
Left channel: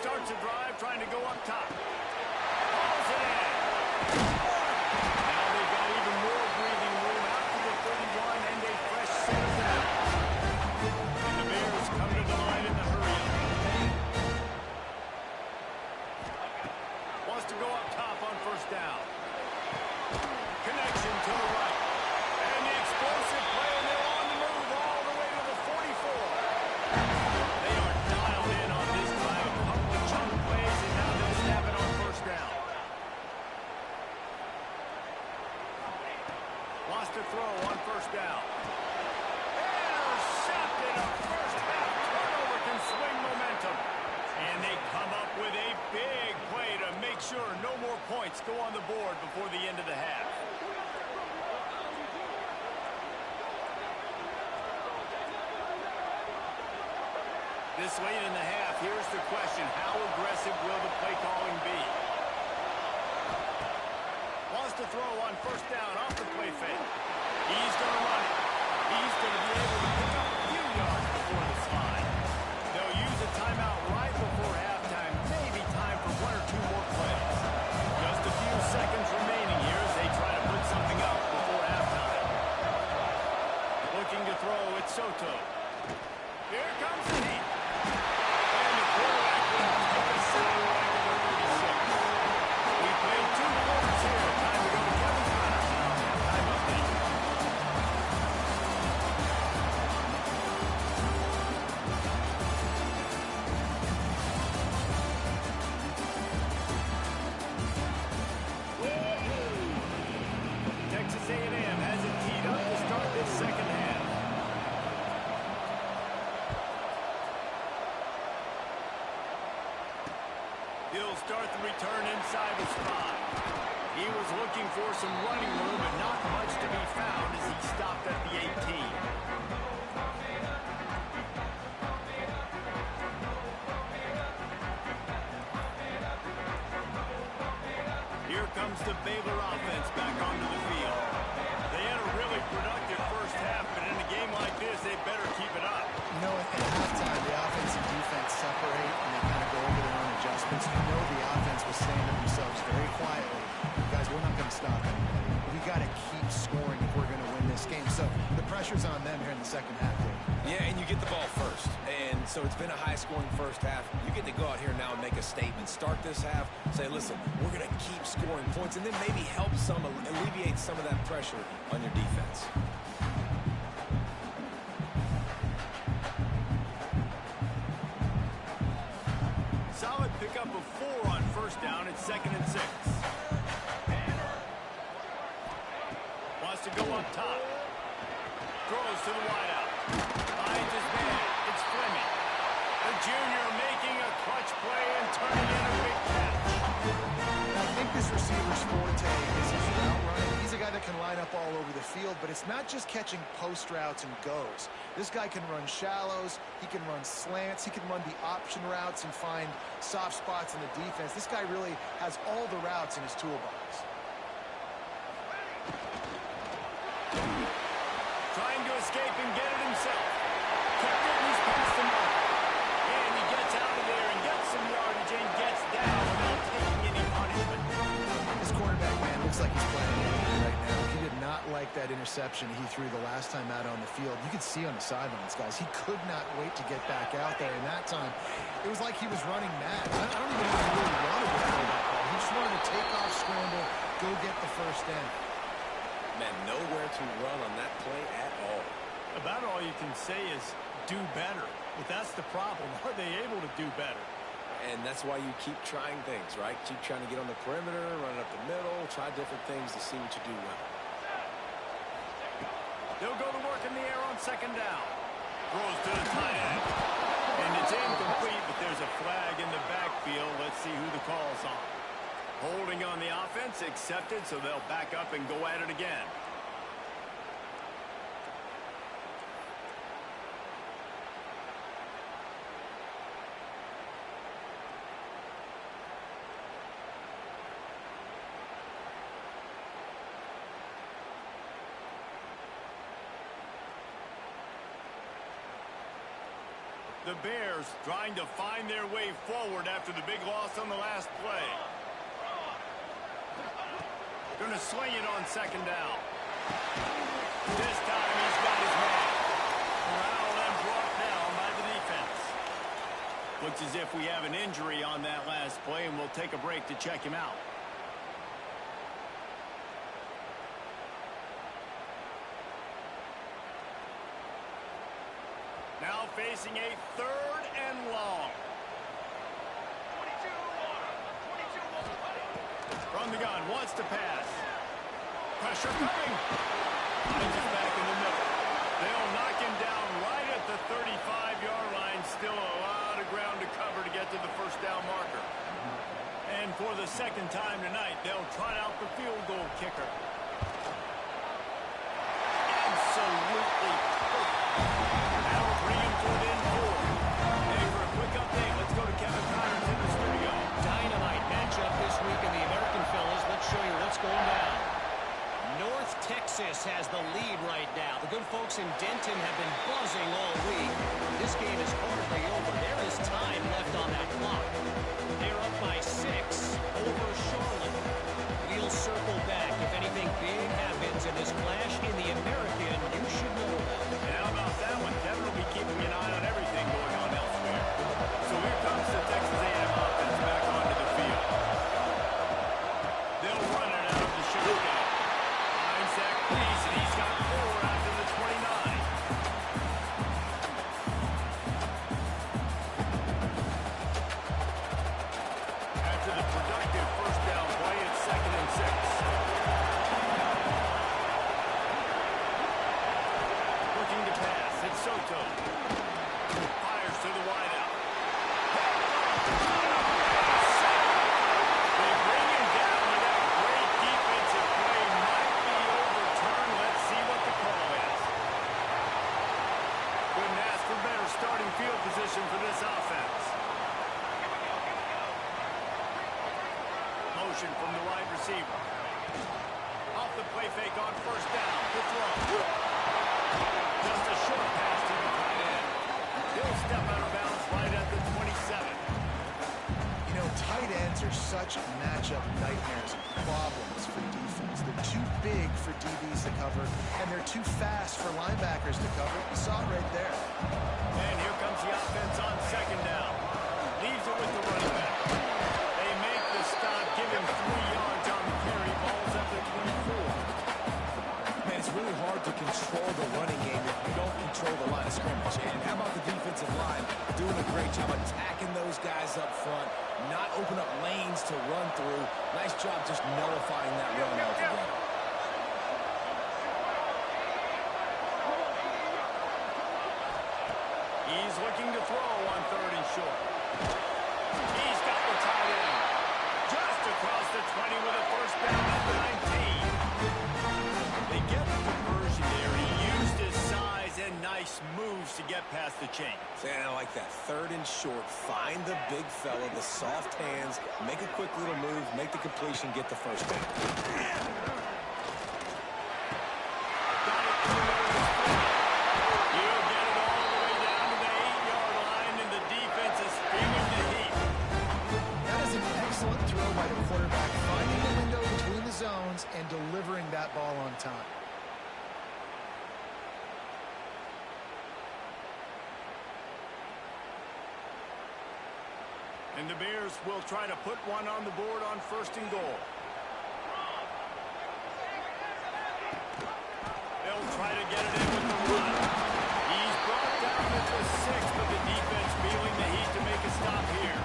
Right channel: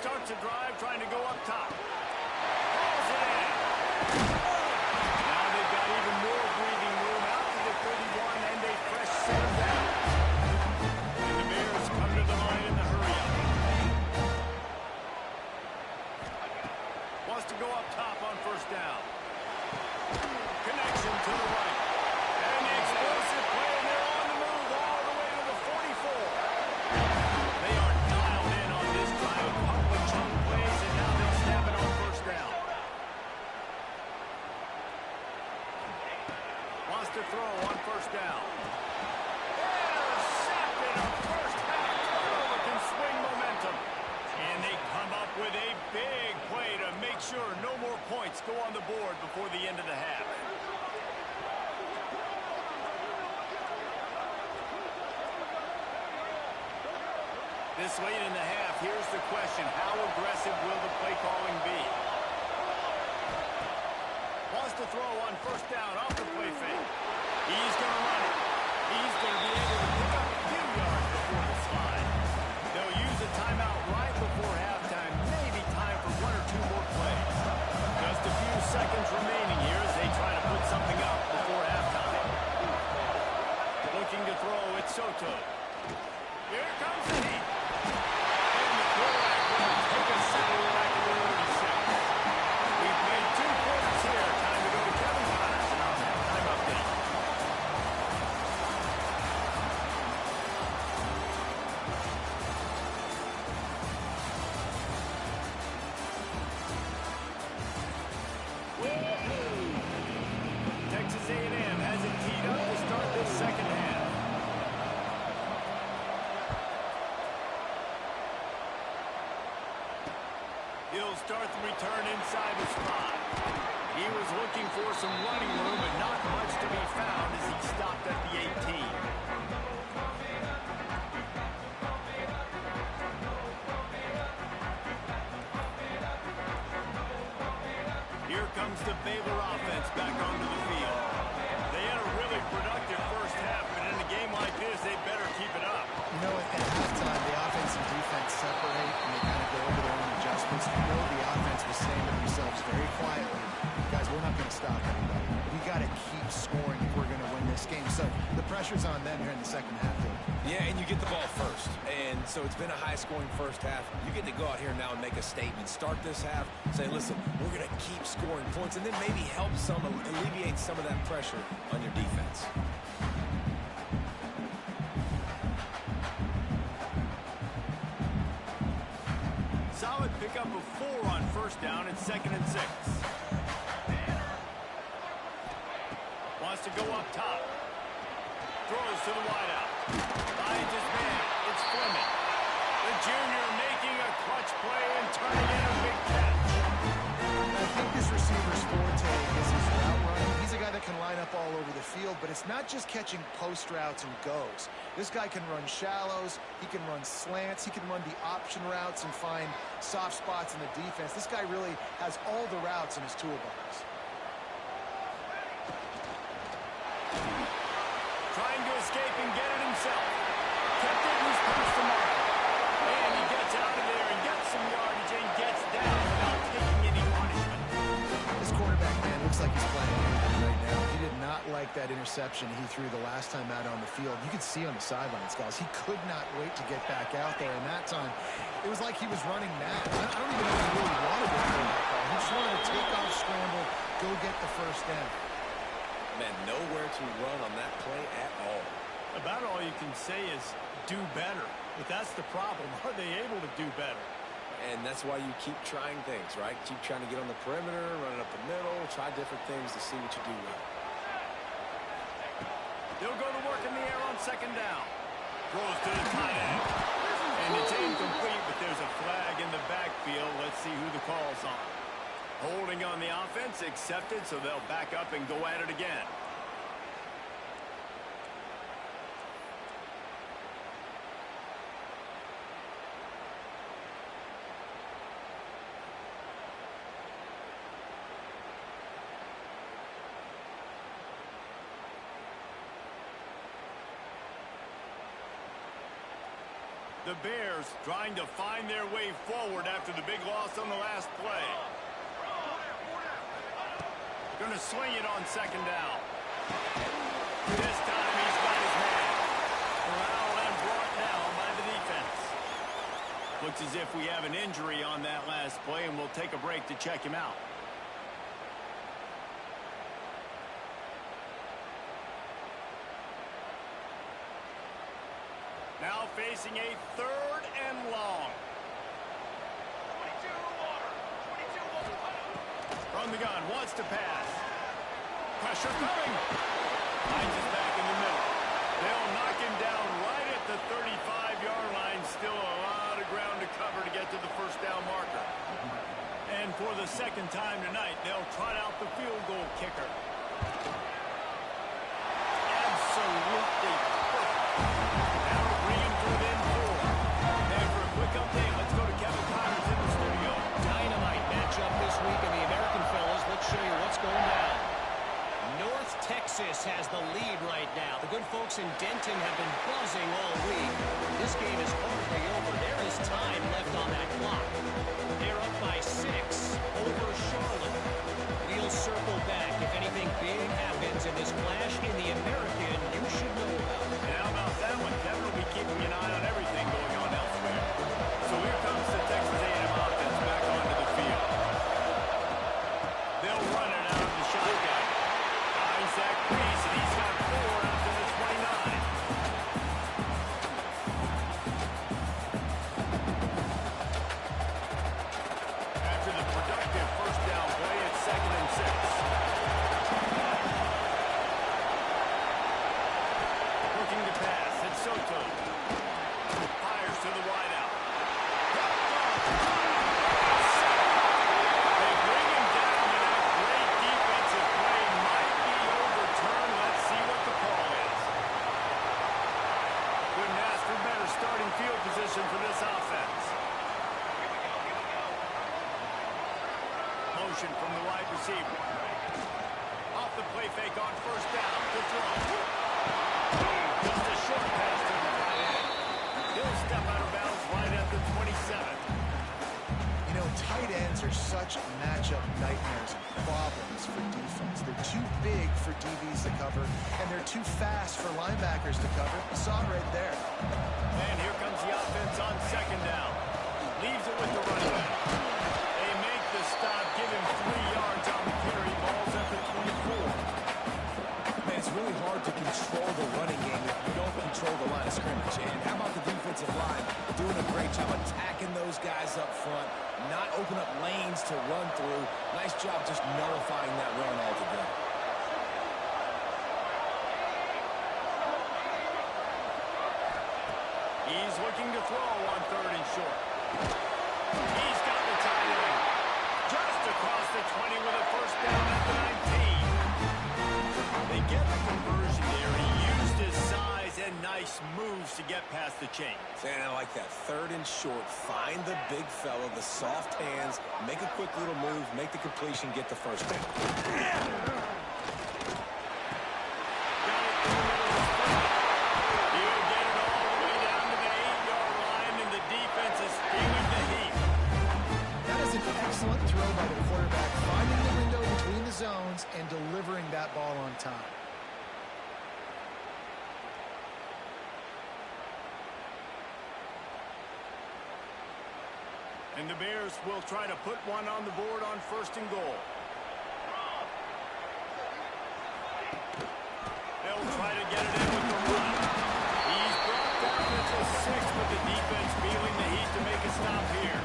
Starts a drive, trying to go up top. Hauls it in. Now they've got even more breathing room out to the 31 and a fresh set of downs. And the Bears come to the line in the hurry-up. Wants to go up top on first down. Connection to the right. And the explosive play, and they're on the move all the way to the 44. They are dialed in on this drive. A couple of chunk plays, and now they'll snap it on first down. Wants to throw on first down. Intercepted. A first half turnover can swing momentum. And they come up with a big play to make sure no more points points go on the board before the end of the half. This late in the half, here's the question. How aggressive will the play calling be? Wants to throw on first down off the play fake. He's going to run it. He's going to be able to pick up a few yards before the slide. They'll use a timeout right before halftime. Maybe time for one or two more plays. Just a few seconds remaining here as they try to put something up before halftime. Looking to throw, it's Soto. Here comes the heat. And the quarterback will take a sack right to the 36. We played 2 quarters here. Time to go to Kevin Connors in our halftime update. Texas A&M has it teed up to start this second half. He'll start the return inside his 5. He was looking for some running room, but not much to be found as he stopped at the 18. Here comes the Baylor offense back onto the field. They had a really productive first half, but in a game like this, they better keep it up. You know, at halftime, the offense and defense separate, and they kind of go over their own adjustments. You know the offense was saying to themselves very quietly, guys, we're not going to stop anybody. We got to keep scoring if we're going to win this game. So the pressure's on them here in the second half, Dave. Yeah, and you get the ball first. And so it's been a high-scoring first half. You get to go out here now and make a statement. Start this half, say, listen, we're going to keep scoring points, and then maybe help alleviate some of that pressure on your defense. Solid pickup of 4 on first down. It's 2nd and 6. Wants to go up top. Throws to the wideout. Finds his man. It's Fleming. The junior making a clutch play and turning in a big catch. I think this receiver's forte is his route running. He's a guy that can line up all over the field, but it's not just catching post routes and goes. This guy can run shallows, he can run slants, he can run the option routes and find soft spots in the defense. This guy really has all the routes in his toolbox. Trying to escape and get it himself. Kept it and he's past the marker. And he gets out of there and gets some yardage and gets down without taking any punishment. This quarterback, man, looks like he's playing right now. He did not like that interception he threw the last time out on the field. You could see on the sidelines, guys, he could not wait to get back out there. And that time, it was like he was running mad. I don't even know if he really wanted to throw that ball. He just wanted to take off, scramble, go get the first down. Man, nowhere to run on that play at all. About all you can say is do better. But that's the problem. Are they able to do better? And that's why you keep trying things, right? Keep trying to get on the perimeter, run it up the middle, try different things to see what you do well. They'll go to work in the air on 2nd down. Throws to the tight end. And it's incomplete, but there's a flag in the backfield. Let's see who the call's on. Holding on the offense, accepted, so they'll back up and go at it again. The Bears trying to find their way forward after the big loss on the last play. Going to sling it on 2nd down. This time he's got his man. Corralled and brought down by the defense. Looks as if we have an injury on that last play, and we'll take a break to check him out. Now facing a 3rd and long. 22 From the gun, wants to pass. Pressure coming. Finds his back in the middle. They'll knock him down right at the 35-yard line. Still a lot of ground to cover to get to the first down marker. And for the second time tonight, they'll trot out the field goal kicker. Absolutely perfect. That'll bring him to within 4. Hey, for a quick update, let's go to Kevin Connors in the studio. Dynamite matchup this week in the American, fellas. Let's show you what's going down. North Texas has the lead right now. The good folks in Denton have been buzzing all week. This game is hardly over. There is time left on that clock. They're up by 6 over Charlotte. We'll circle back. If anything big happens in this clash in the American, you should know about it. And how about that one? Kevin will be keeping an eye on everything going on elsewhere. So here comes the Texas A&M offense back onto the field. They'll run it out of the shotgun. Zach Reese, and he's got 4 after the 29. After the productive first down play, it's 2nd and 6. Looking to pass, it's Soto. Fires to the wideout. They bring him down with that great defensive play. Might be overturned. Let's see what the call is. Couldn't ask for better starting field position for this offense. Here we go. Motion from the wide receiver. Off the play fake on first down. To throw. Just a short pass to the tight end. He'll step out of bounds right at the 27. You know, tight ends are such matchup nightmares and problems for defense. They're too big for DBs to cover, and they're too fast for linebackers to cover. You saw it right there. And here comes the offense on 2nd down. Leaves it with the running back. They make the stop, give him 3 yards on the carry. Ball's up at 24. Man, it's really hard to control the running game if you don't control the line of scrimmage. And how about the defensive line doing a great job attacking those guys up front, not open up lanes to run through. Nice job just nullifying that run altogether. He's looking to throw on 3rd and short. He's got the tight end. Just across the 20 with a first down at the 19. They get the conversion there. He used his size and nice moves to get past the chains. And I like that. 3rd and short. Find the big fella, the soft hands, make a quick little move, make the completion, get the first down. Got it through the middle of his foot. He'll get it all the way down to the 8-yard line, and the defense is feeling the heat. That is an excellent throw by the quarterback, finding the window between the zones and delivering that ball on time. And the Bears will try to put one on the board on 1st and goal. They'll try to get it in with the run. He's brought down at the 6, but the defense feeling the heat to make a stop here.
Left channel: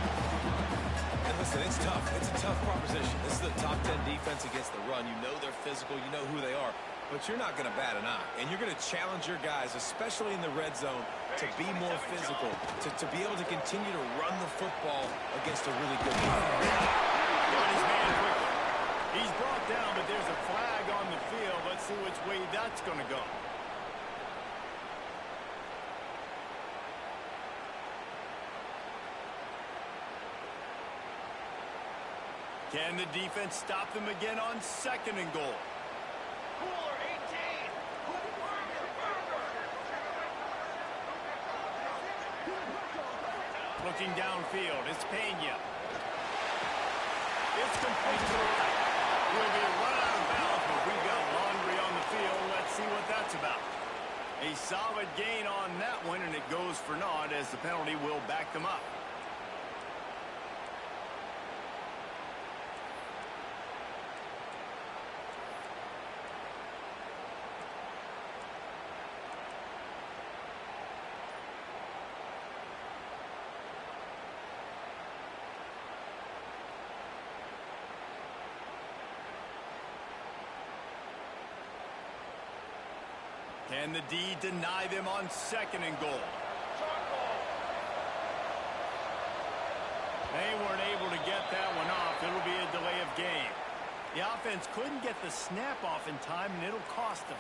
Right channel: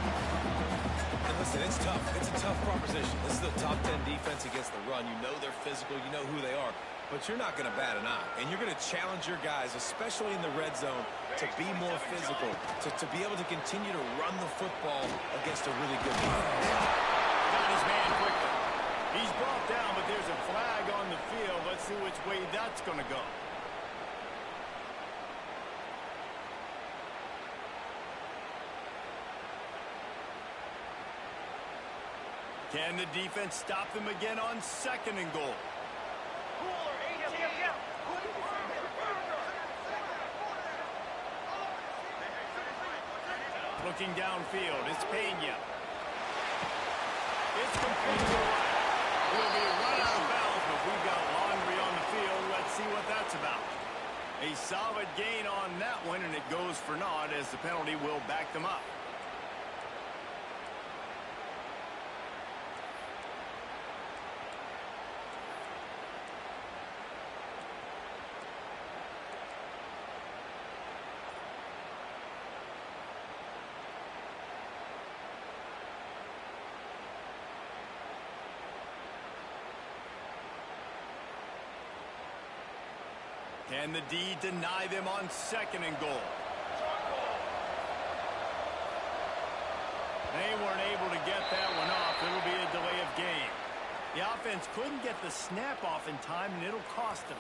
And listen, it's tough. It's a tough proposition. This is the top 10 defense against the run. You know they're physical. You know who they are. But you're not going to bat an eye. And you're going to challenge your guys, especially in the red zone, to be more physical, to be able to continue to run the football against a really good defense. Got his man quickly. He's brought down, but there's a flag on the field. Let's see which way that's going to go. Can the defense stop them again on 2nd and goal? Cooler 18. Looking downfield, it's Pena. It's complete to the right. We'll be run out of bounds, but we've got laundry on the field. Let's see what that's about. A solid gain on that one, and it goes for naught as the penalty will back them up. Can the D deny them on 2nd and goal? They weren't able to get that one off. It'll be a delay of game. The offense couldn't get the snap off in time, and it'll cost them.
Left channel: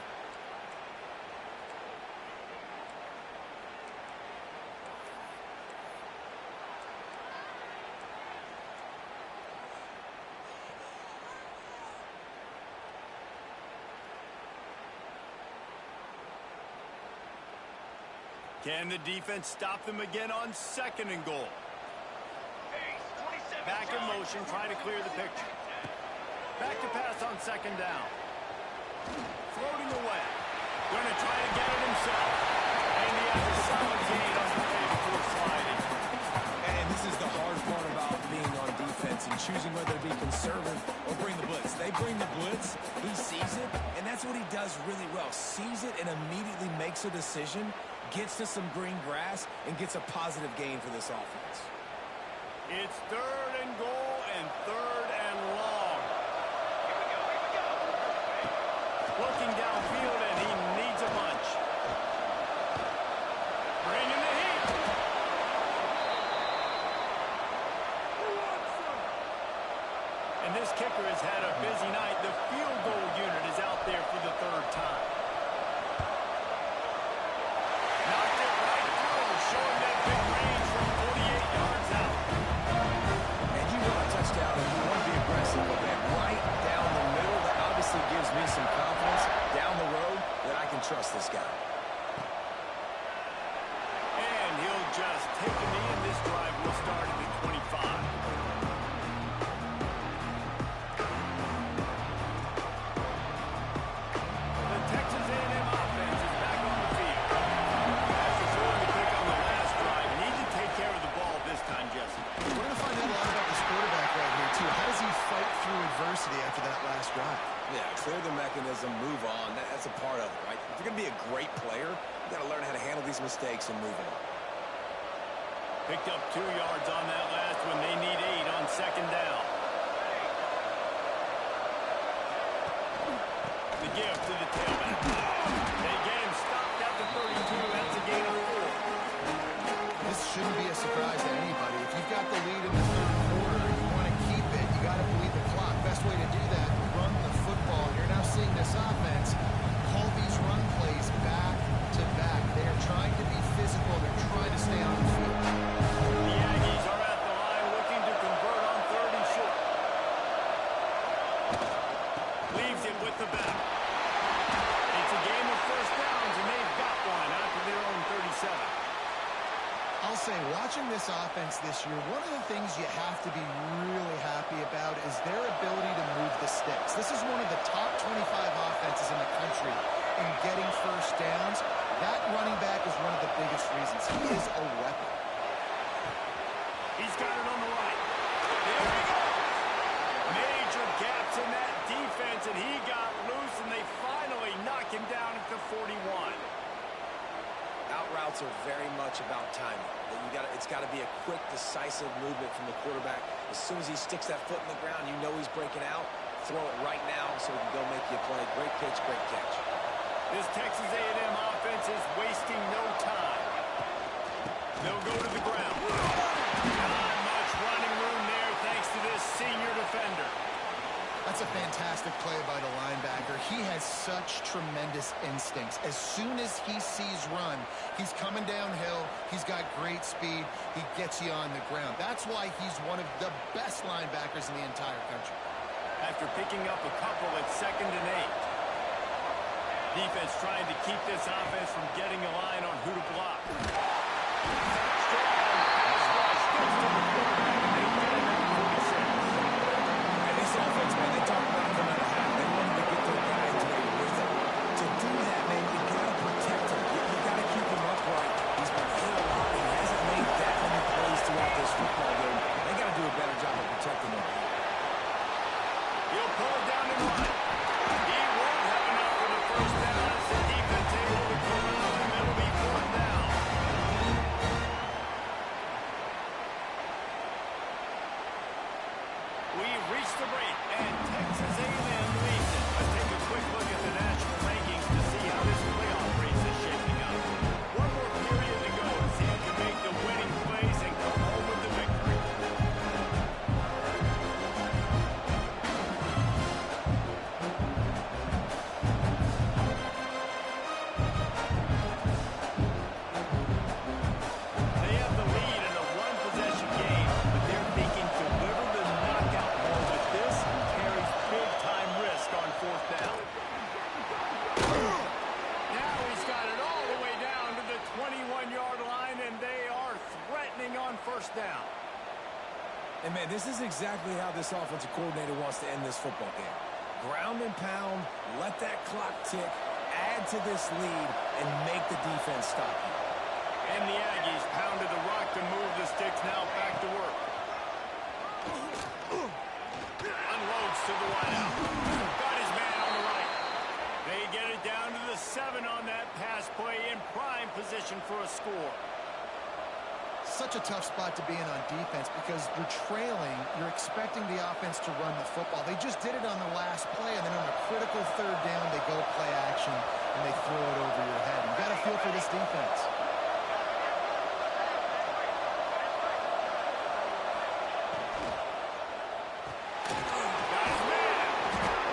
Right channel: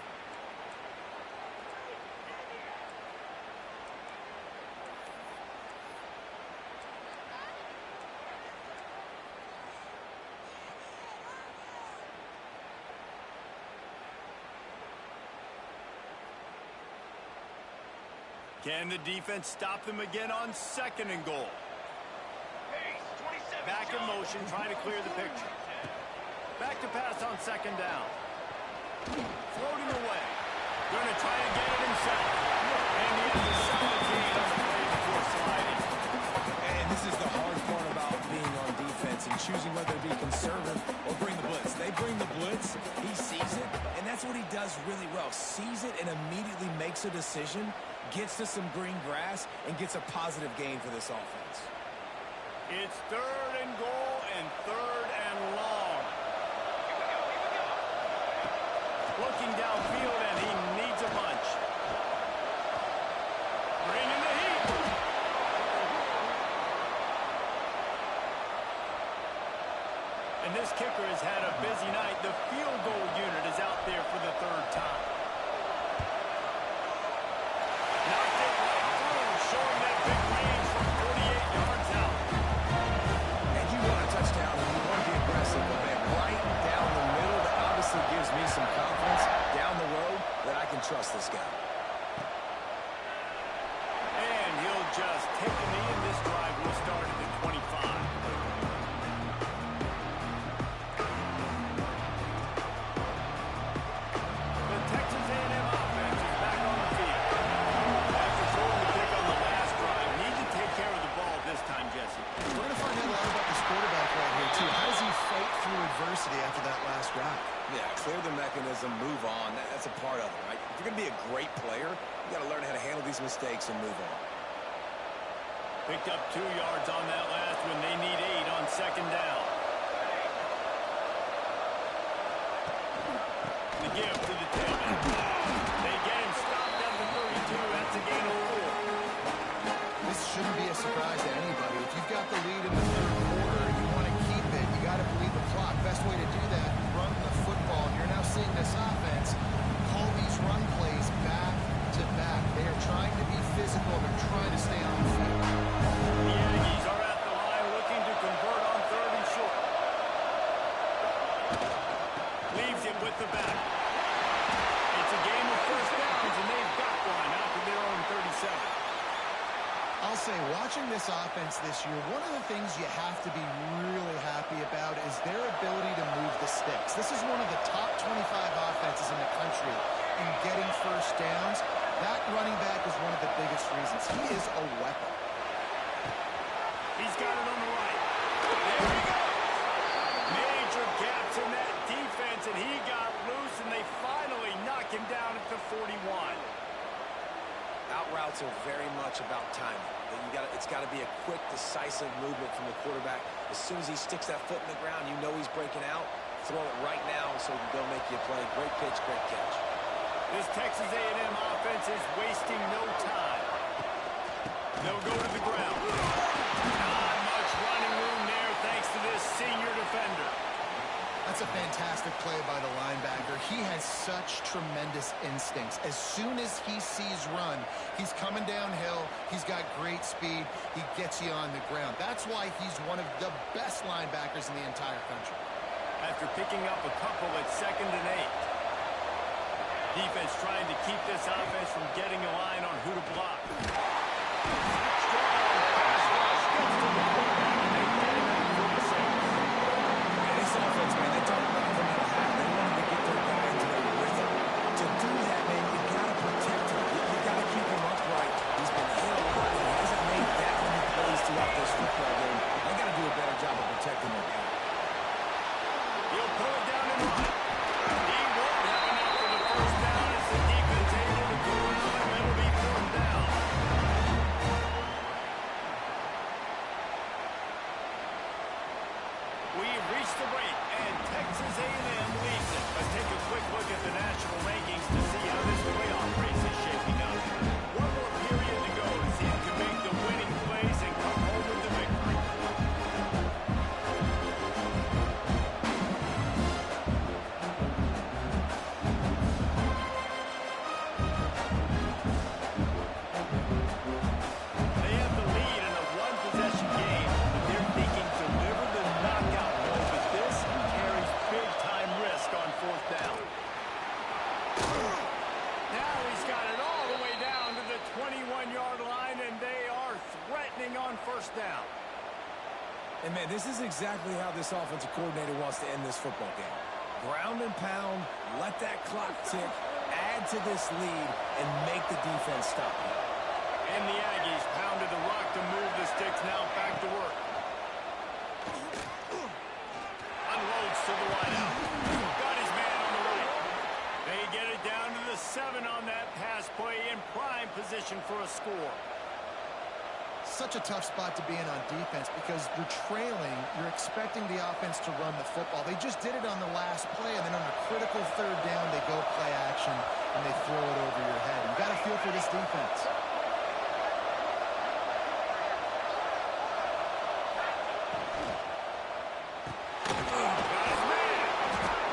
Can the defense stop them again on 2nd and goal? Pace, 27. Back in motion, trying to clear the picture. Back to pass on 2nd down. Floating away. Going to try to get it himself. And he has a solid gain on the play before sliding. And this is the hard part about being on defense and choosing whether to be conservative or bring the blitz. They bring the blitz, he sees it, and that's what he does really well. Sees it and immediately makes a decision, gets to some green grass, and gets a positive gain for this offense. It's 3rd and goal and 3rd and long. Here we go, here we go. Looking downfield, and he needs a bunch. Bringing the heat. And this kicker has had a busy night. The field goal unit is out there for the 3rd time. Knocked it right through, showing that big range from 48 yards out. And you want a touchdown and you want to be aggressive, but man, right down the middle, that obviously gives me some confidence down the road that I can trust this guy. And he'll just take a knee, and this drive will start at the 25. The Texas A&M offense is back on the field. After throwing the pick on the last drive, need to take care of the ball this time, Jesse. We're going to find out a lot about this quarterback right here, too. How does he fight through adversity after that last drive? Yeah, clear the mechanism, move on. That's a part of it, right? If you're going to be a great player, you got to learn how to handle these mistakes and move on. Picked up 2 yards on that last one. They need 8 on 2nd down. The give to the tailback. They get him stopped at the 32. That's a gain of 4. This shouldn't be a surprise to anybody. If you've got the lead in the 3rd quarter, you want to keep it. You got to bleed the clock. Best way to do that, run the football. And you're now seeing this offense call these run plays back to back. They are trying to be physical, and they're trying to stay on the field. The Aggies are at the line looking to convert on 3rd and short. Leaves it with the back. It's a game of 1st downs, and they've got one out to their own 37. I'll say, watching this offense this year, one of the things you have to be really happy about is their ability to move the sticks. This is one of the top 25 offenses in the country in getting 1st downs. That running back is one of the biggest reasons. He is a weapon. He's got it on the right. There he goes. Major gaps in that defense, and he got loose, and they finally knock him down at the 41. Out routes are very much about timing. It's got to be a quick, decisive movement from the quarterback. As soon as he sticks that foot in the ground, you know he's breaking out. Throw it right now so he can go make you a play. Great pitch, great catch. This Texas A&M offense is wasting no time. They'll go to the ground. Not much running room there thanks to this senior defender. That's a fantastic play by the linebacker. He has such tremendous instincts. As soon as he sees run, he's coming downhill. He's got great speed. He gets you on the ground. That's why he's one of the best linebackers in the entire country. After picking up a couple at 2nd and 8. Defense trying to keep this offense from getting a line on who to block. Strong pass rush gets to the quarterback, and they get him at 46. And this offense, man, they talk about coming out of half. They wanted to get their guy into a rhythm. To do that, man, you got to protect him. You got to keep him upright. He's been hit a lot. He hasn't made that many plays throughout this football game. They got to do a better job of protecting their guy. He'll pull it down and run. He won't have enough for the 1st down as the defense able to corral him. It'll be 4th down. We've reached the break, and Texas A&M leads it. Let's take a quick look at the national rankings to see how this playoff race is shaping up. One more period to go to see who can make the winning plays and come home with the victory. 1-yard line, and they are threatening on first down. And, man, this is exactly how this offensive coordinator wants to end this football game. Ground and pound, let that clock tick, add to this lead, and make the defense stop you. And the Aggies pounded the rock to move the sticks, now back to work. Unloads to the wideout. Got his man on the right. They get it down to the 7 on that pass play, in prime position for a score. Such a tough spot to be in on defense because you're trailing, you're expecting the offense to run the football. They just did it on the last play, and then on a critical third down, they go play action, and they throw it over your head. You got to feel for this defense. Got his man.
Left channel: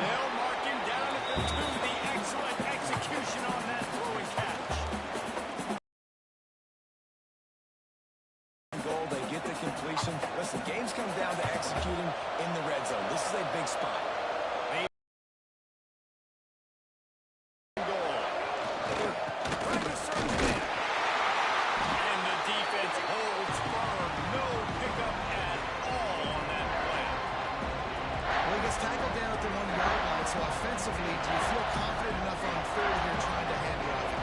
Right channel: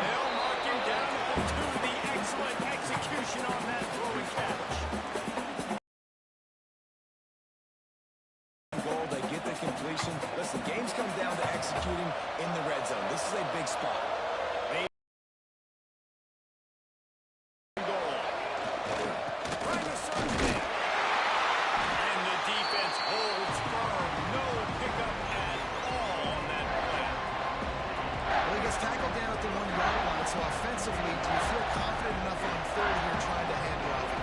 They'll mark him down at the 2. The excellent execution on that throw and catch. Goal, they get the completion. Listen, games come down to executing in the red zone. This is a big spot. Goal. Trying to serve it. And the defense holds firm. No pickup at all on that play. Well, he gets tackled down at the 1-yard line, so offensively, do you feel confident enough on third here trying to hand it off?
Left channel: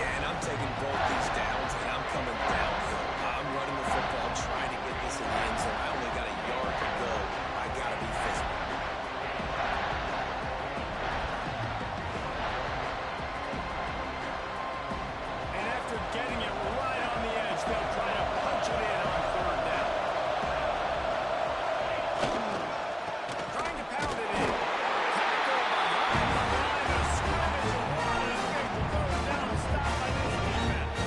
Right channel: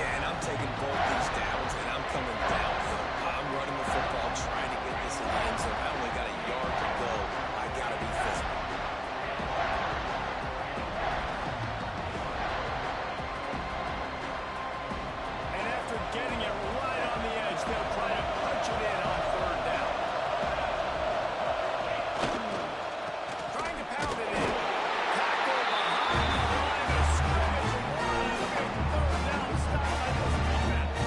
Yeah, and I'm taking both these downs, and I'm coming downhill. I'm running the football, trying to get this in the end zone. I only got a yard to go. I got to be physical. And after getting it right on the edge, they'll try to punch it in on third down. Trying to pound it in. Tackle behind the line of scrimmage. And what a big third down stop by this defense.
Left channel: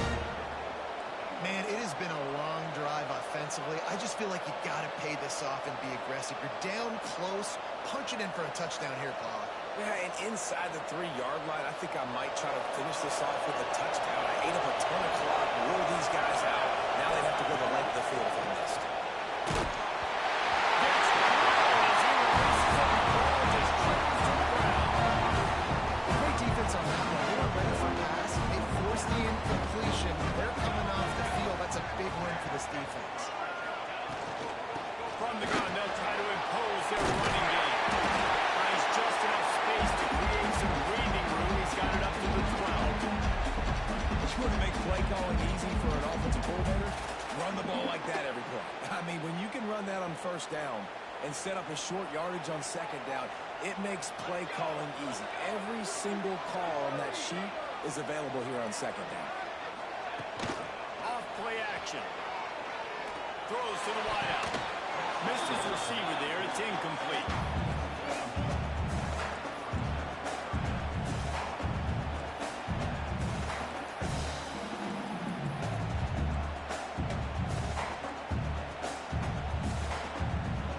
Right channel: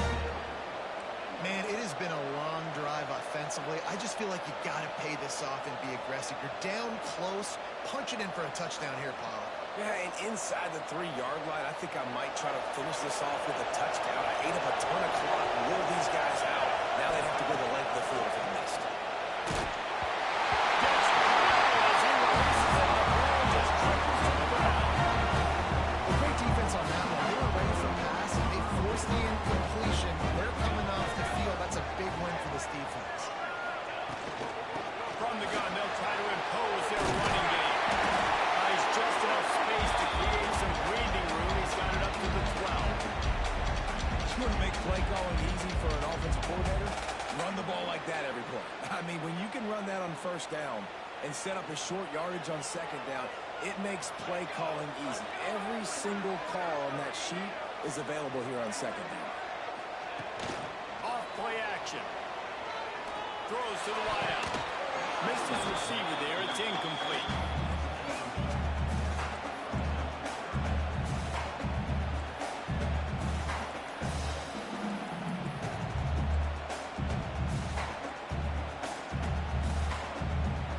Man, it has been a long drive offensively. I just feel like you got to pay this off and be aggressive. You're down close. Punch it in for a touchdown here, Paula. Yeah, and inside the 3-yard line, I think I might try to finish this off with a touchdown. I ate up a ton of clock, wore these guys out. Now they'd have to go the length of the field if they missed. Gets drilled as he releases it. The ball just trickles to the ground. Great defense on that one. They were ready for pass, and they forced the incompletion. They're coming off the field. That's a big win for this defense. From the gun, they'll try to impose their running game. Finds just enough space to create some breathing room. He's got it up to the 12. You want to make play calling easy for an offensive coordinator? Run the ball like that every play. I mean, when you can run that on first down and set up a short yardage on second down, it makes play calling easy. Every single call on that sheet is available here on second down. Off play action. Throws to the wideout. Missed his receiver there. It's incomplete.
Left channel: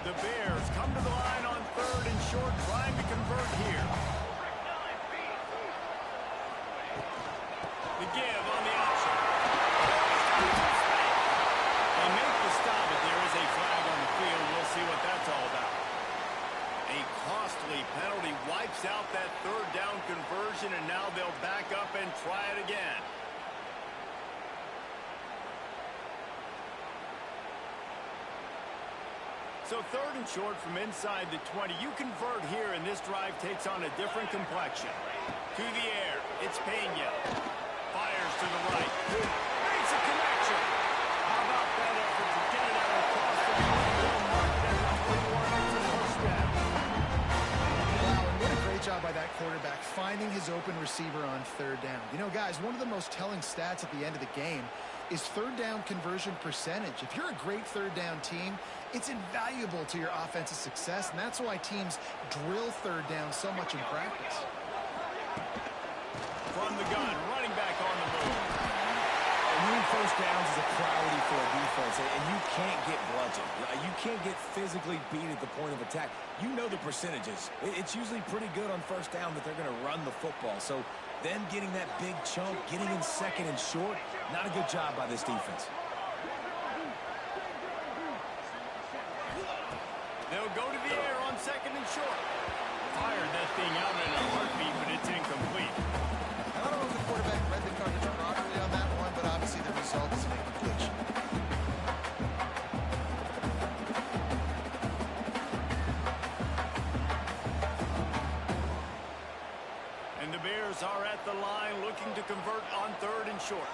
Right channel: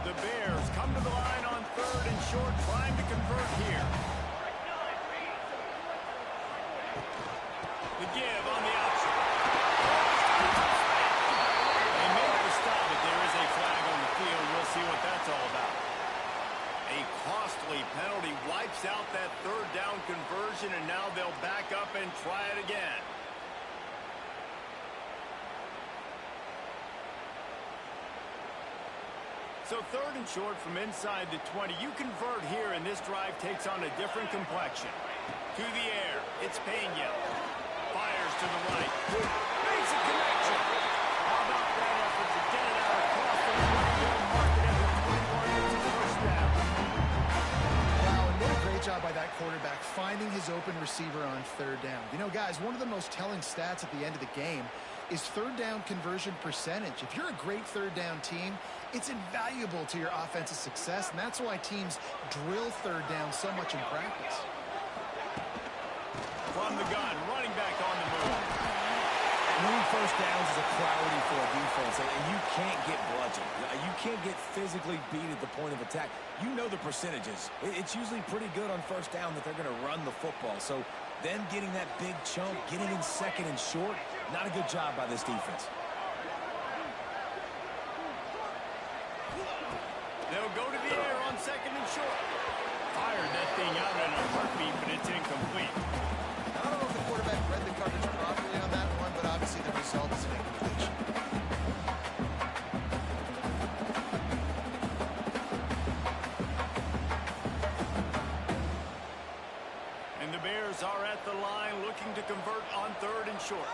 The Bears come to the line on third and short, trying to convert here. The give on the option. They make the stop, but there is a flag on the field. We'll see what that's all about. A costly penalty wipes out that third down conversion, and now they'll back up and try it again. So third and short from inside the 20. You convert here, and this drive takes on a different complexion. To the air, it's Pena. Fires to the right. Makes a connection. How about that effort to get it out across the 20? They'll mark it at the 21. It's a first down. Wow, and what a great job by that quarterback finding his open receiver on third down. You know, guys, one of the most telling stats at the end of the game is third down conversion percentage. If you're a great third down team, it's invaluable to your offensive success, and that's why teams drill third down so much in practice. From the gun, running back on the move. And winning first downs is a priority for a defense, and you can't get bludgeoned. You can't get physically beat at the point of attack. You know the percentages. It's usually pretty good on first down that they're going to run the football. So them getting that big chunk, getting in second and short, not a good job by this defense. They'll go to the air on second and short. Fired that thing out in a heartbeat, but it's incomplete. I don't know if the quarterback read the coverage properly on that one, but obviously the looking to convert on 3rd and short.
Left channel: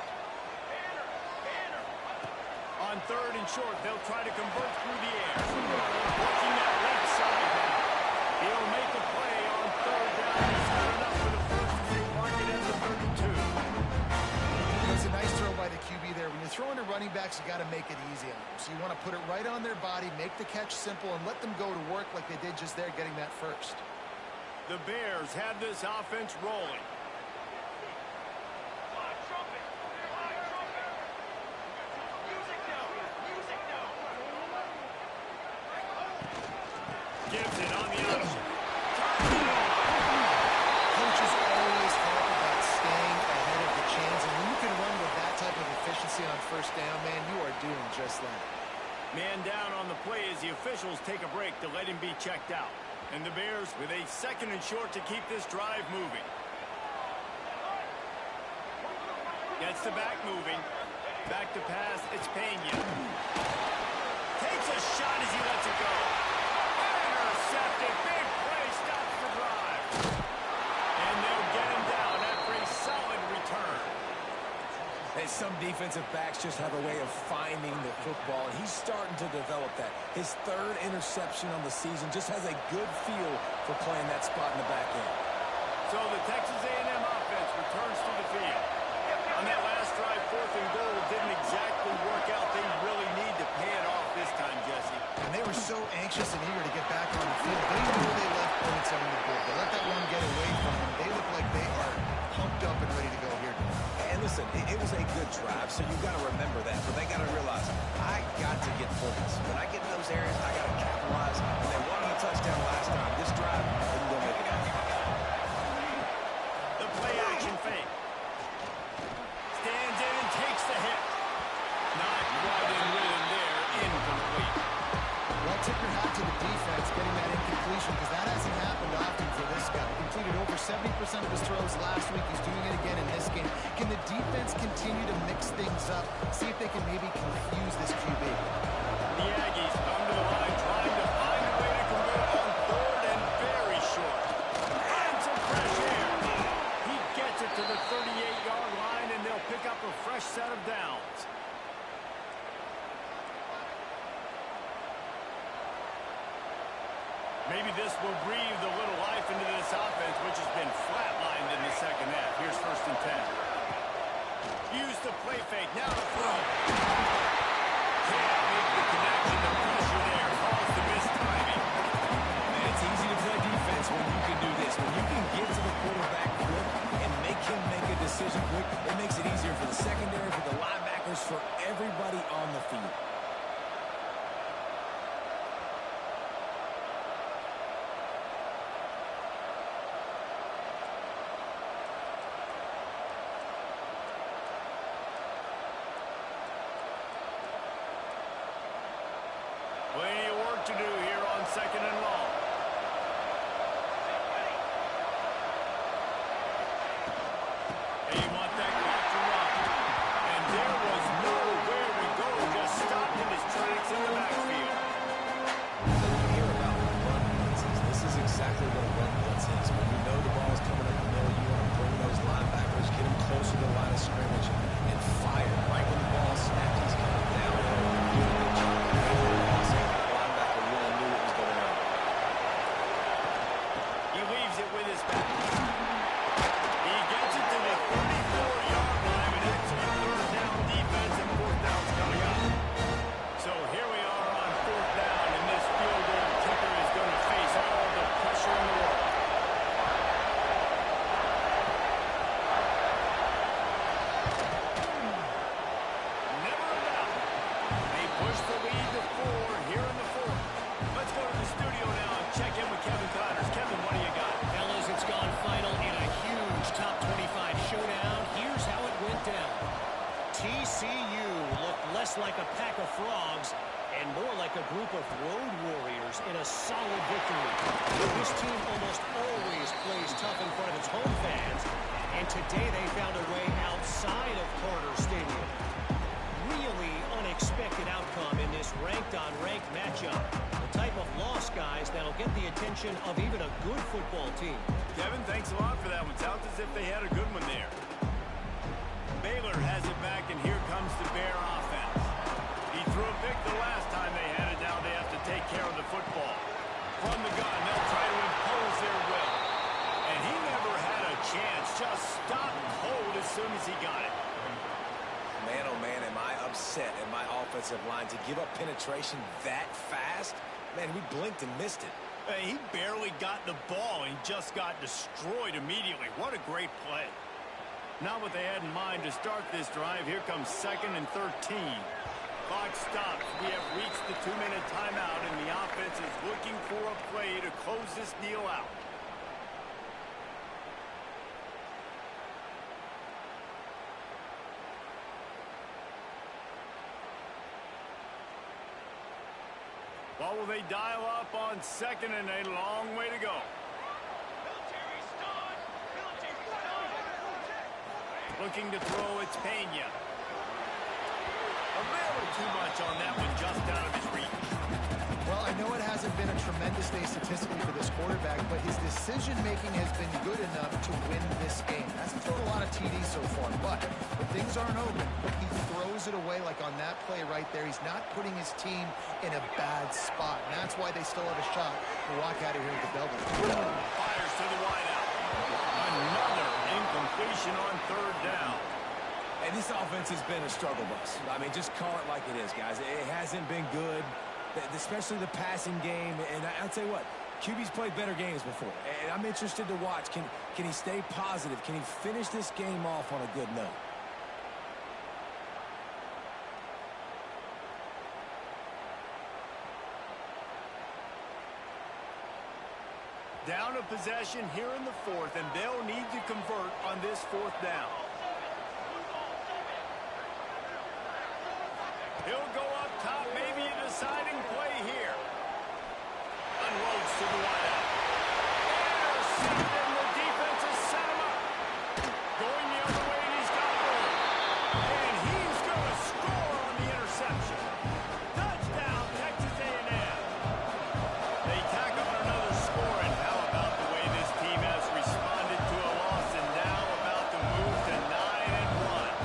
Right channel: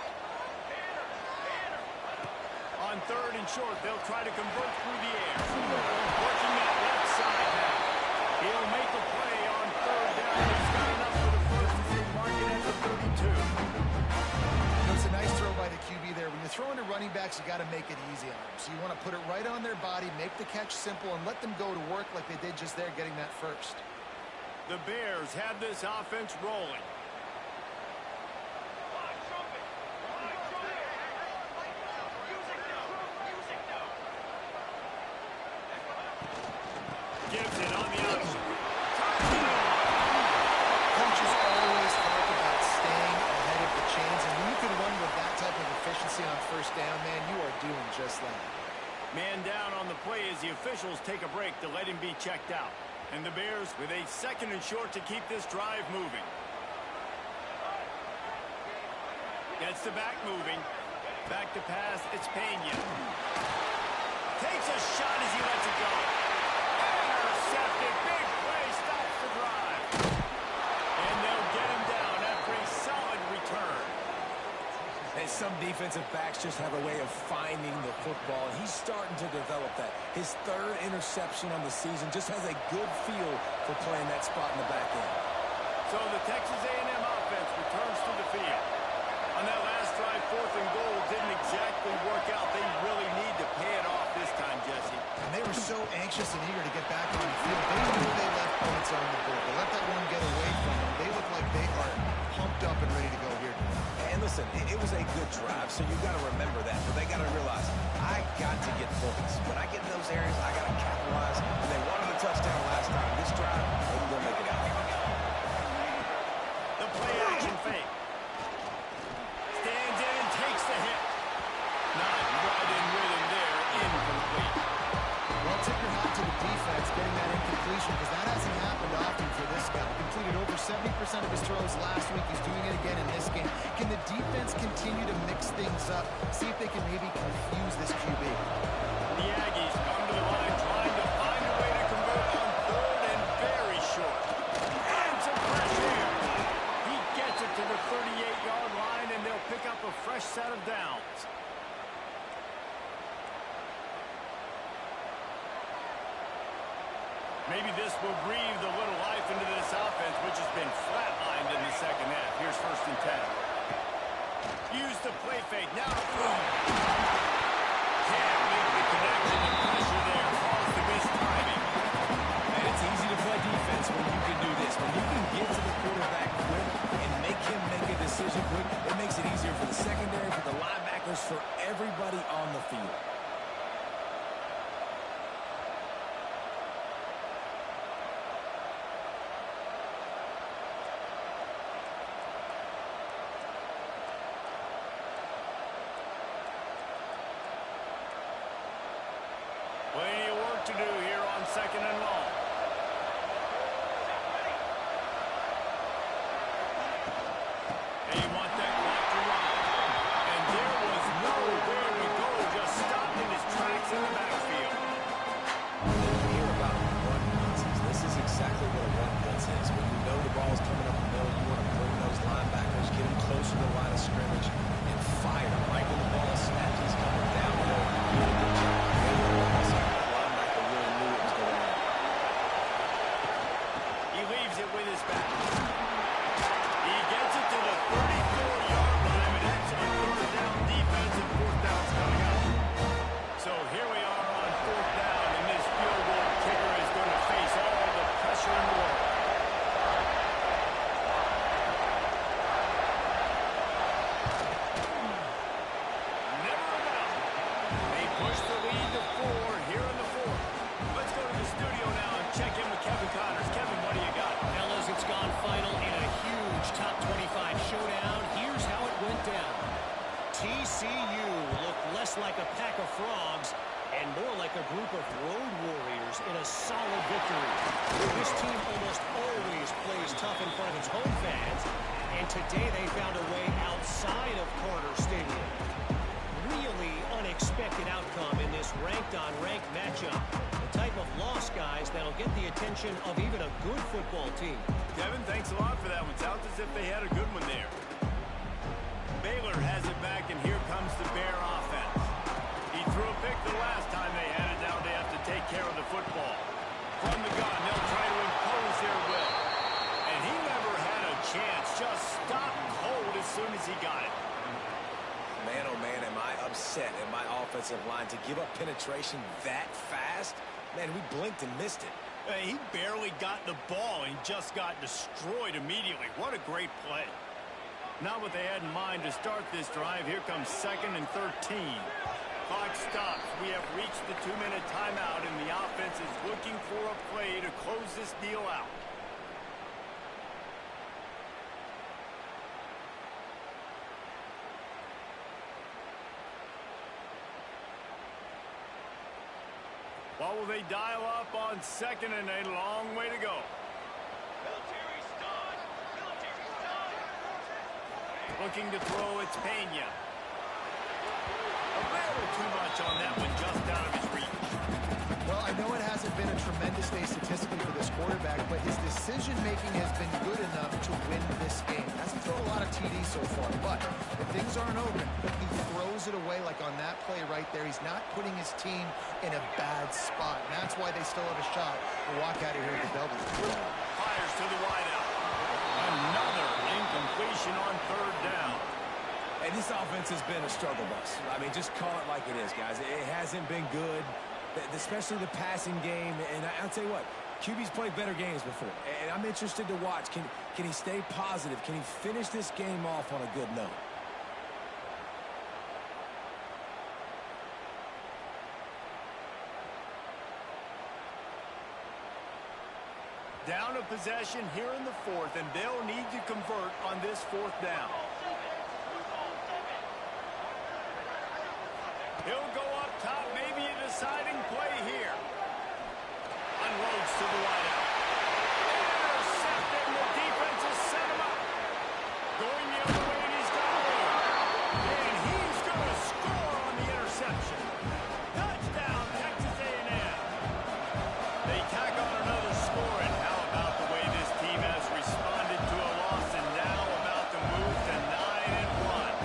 On 3rd and short, they'll try to convert through the air. Working that left side now. He'll make a play on 3rd down. He's got enough for the first as they mark it at the 32. It's a nice throw by the QB there. When you're throwing to running backs, you got to make it easy on them. So you want to put it right on their body, make the catch simple, and let them go to work like they did just there, getting that first. The Bears have this offense rolling. Fly trumpet! Fly trumpet! Music note! Music note! Gives it on the option. Coaches always talk about staying ahead of the chains, and when you can run with that type of efficiency on 1st down, man, you are doing just that. Man down on the play as the officials take a break to let him be checked out. And the Bears with a 2nd and short to keep this drive moving. Gets the back moving. Back to pass, it's Pena. Takes a shot as he lets it go. Intercepted, big play, stops the drive. And they'll get him down after a solid return. Hey, some defensive backs just have a way of finding the football, and he's starting to develop that. His 3rd interception on the season just has a good feel for playing that spot in the back end. So the Texas A&M offense returns to the field. On that last drive, 4th and goal didn't exactly work out. They really need to pay it off this time, Jesse. And they were so anxious and eager to get back on the field. They knew they left points on the board. They let that one get away from them. They look like they are pumped up and ready to go here tonight. And listen, it was a good drive, so you got to remember that. But they got to realize, I got to get points. When I get in those areas, I got to capitalize. And they wanted a touchdown last time. This drive, they can go make it out. The play action fake. Stands in and takes the hit. Not quite in rhythm there. Incomplete. Well, tip your hat to the defense getting that incompletion, because that hasn't happened often for this guy. Completed over 70% of his throws last week. He's doing it again in this game. Can the defense continue to mix things up? See if they can maybe confuse this QB. The Aggies come to the line trying to find a way to convert on 3rd and very short. And some fresh air. He gets it to the 38-yard line, and they'll pick up a fresh set of downs. Maybe this will breathe a little life into this offense, which has been flatlined in the 2nd half. Here's 1st and 10. Use the play fake. Now to throw. Can't make the connection. The pressure there caused the missed timing. Man, it's easy to play defense when you can do this. When you can get to the quarterback quick and make him make a decision quick, it makes it easier for the secondary, for the linebackers, for everybody on the field. Plenty of work to do here on 2nd and long. They want that clock to run. And there was nowhere to go, just stopped in his tracks in the backfield. You hear about run blitzes. This is exactly what a run blitz is. When you know the ball's coming up the middle, you want to bring those linebackers, get them closer to the line of scrimmage, and fire. Right when the ball snapped, he's coming downhill. Doing a good job. The linebacker really knew what was going on. He leaves it with his back. He gets it to the 34-yard line. An excellent 3rd down defense, and 4th down's coming up. So here we are on 4th down, and this field goal kicker is going to face all the pressure in the world. Never a doubt. They push the lead to 4 here in the 4th. Let's go to the studio now and check in with Kevin Connors. Kevin, what do you got? Fellas, it's gone final in a huge top 25 showdown. Here's how it went down. TCU looked less like a pack of frogs and more like a group of road warriors in a solid victory. This team almost always plays tough in front of its home fans, and today they found a way outside of Carter Stadium. Really unexpected outcome in this ranked-on-ranked matchup. The type of loss, guys, that'll get the attention of even a good football team. Kevin, thanks a lot for that one. Sounds as if they had a good one there. Baylor has it back, and here comes the Bear offense. He threw a pick the last time they had it. Now they have to take care of the football. From the gun, they'll try to impose their will. And he never had a chance. Just stopped cold as soon as he got it. Man, oh man, am I upset at my offensive line to give up penetration that fast? Man, we blinked and missed it. He barely got the ball. He just got destroyed immediately. What a great play. Not what they had in mind to start this drive. Here comes 2nd and 13. Clock stops. We have reached the 2-minute timeout, and the offense is looking for a play to close this deal out. What will they dial up on 2nd and a long way to go? Military's done. Military's done. Looking to throw, it's Pena. A little too much on that one, just out of his reach. Well, I know it hasn't been a tremendous day statistically for this quarterback, but his decision-making has been good enough to win this game. Hasn't thrown a lot of TDs so far, but if things aren't open, he throws it away like on that play right there. He's not putting his team in a bad spot, and that's why they still have a shot to walk out of here with the W. Fires to the wideout. Another incompletion on 3rd down. Hey, this offense has been a struggle bus. I mean, just call it like it is, guys. It hasn't been good, especially the passing game. And I'll tell you what, QB's played better games before. And I'm interested to watch. Can he stay positive? Can he finish this game off on a good note? Down a possession here in the 4th, and they'll need to convert on this 4th down. He'll go up top, maybe a deciding play here. Unloads to the wideout. Intercepted, and the defense has set him up. Going the other way, and he's got room. And he's going to score on the interception. Touchdown, Texas A&M. They tack on another score, and how about the way this team has responded to a loss and now about to move to 9-1.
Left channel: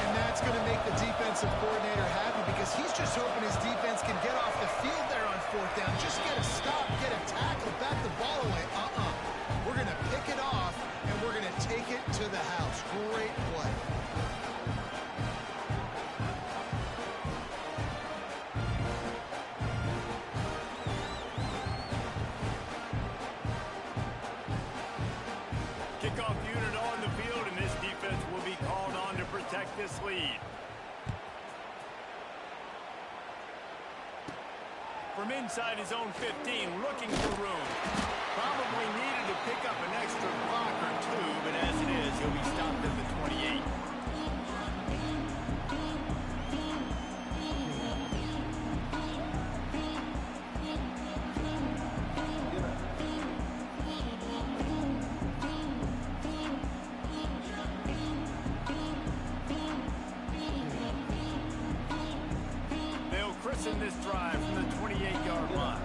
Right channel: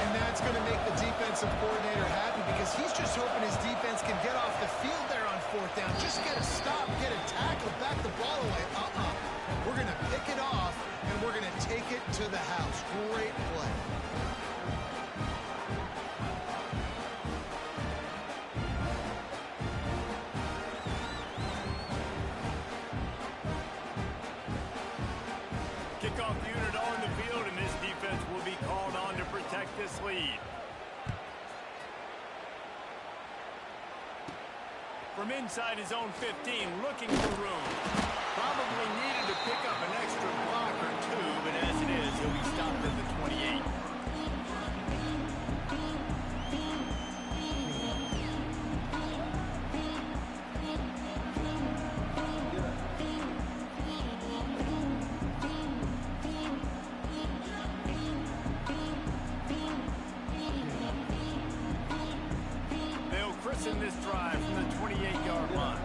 And that's going to make the defensive coordinator happy because he's just hoping his defense can get off the field there on 4th down. Just get a stop, get a tackle, back the ball away. We're going to pick it off, and we're going to take it to the house. Great play. Kickoff unit on the field, and this defense will be called on to protect this lead. From inside his own 15, looking for room. Probably needed to pick up an extra block or two, but as it is, he'll be stopped at the 28. In this drive from the 28-yard line.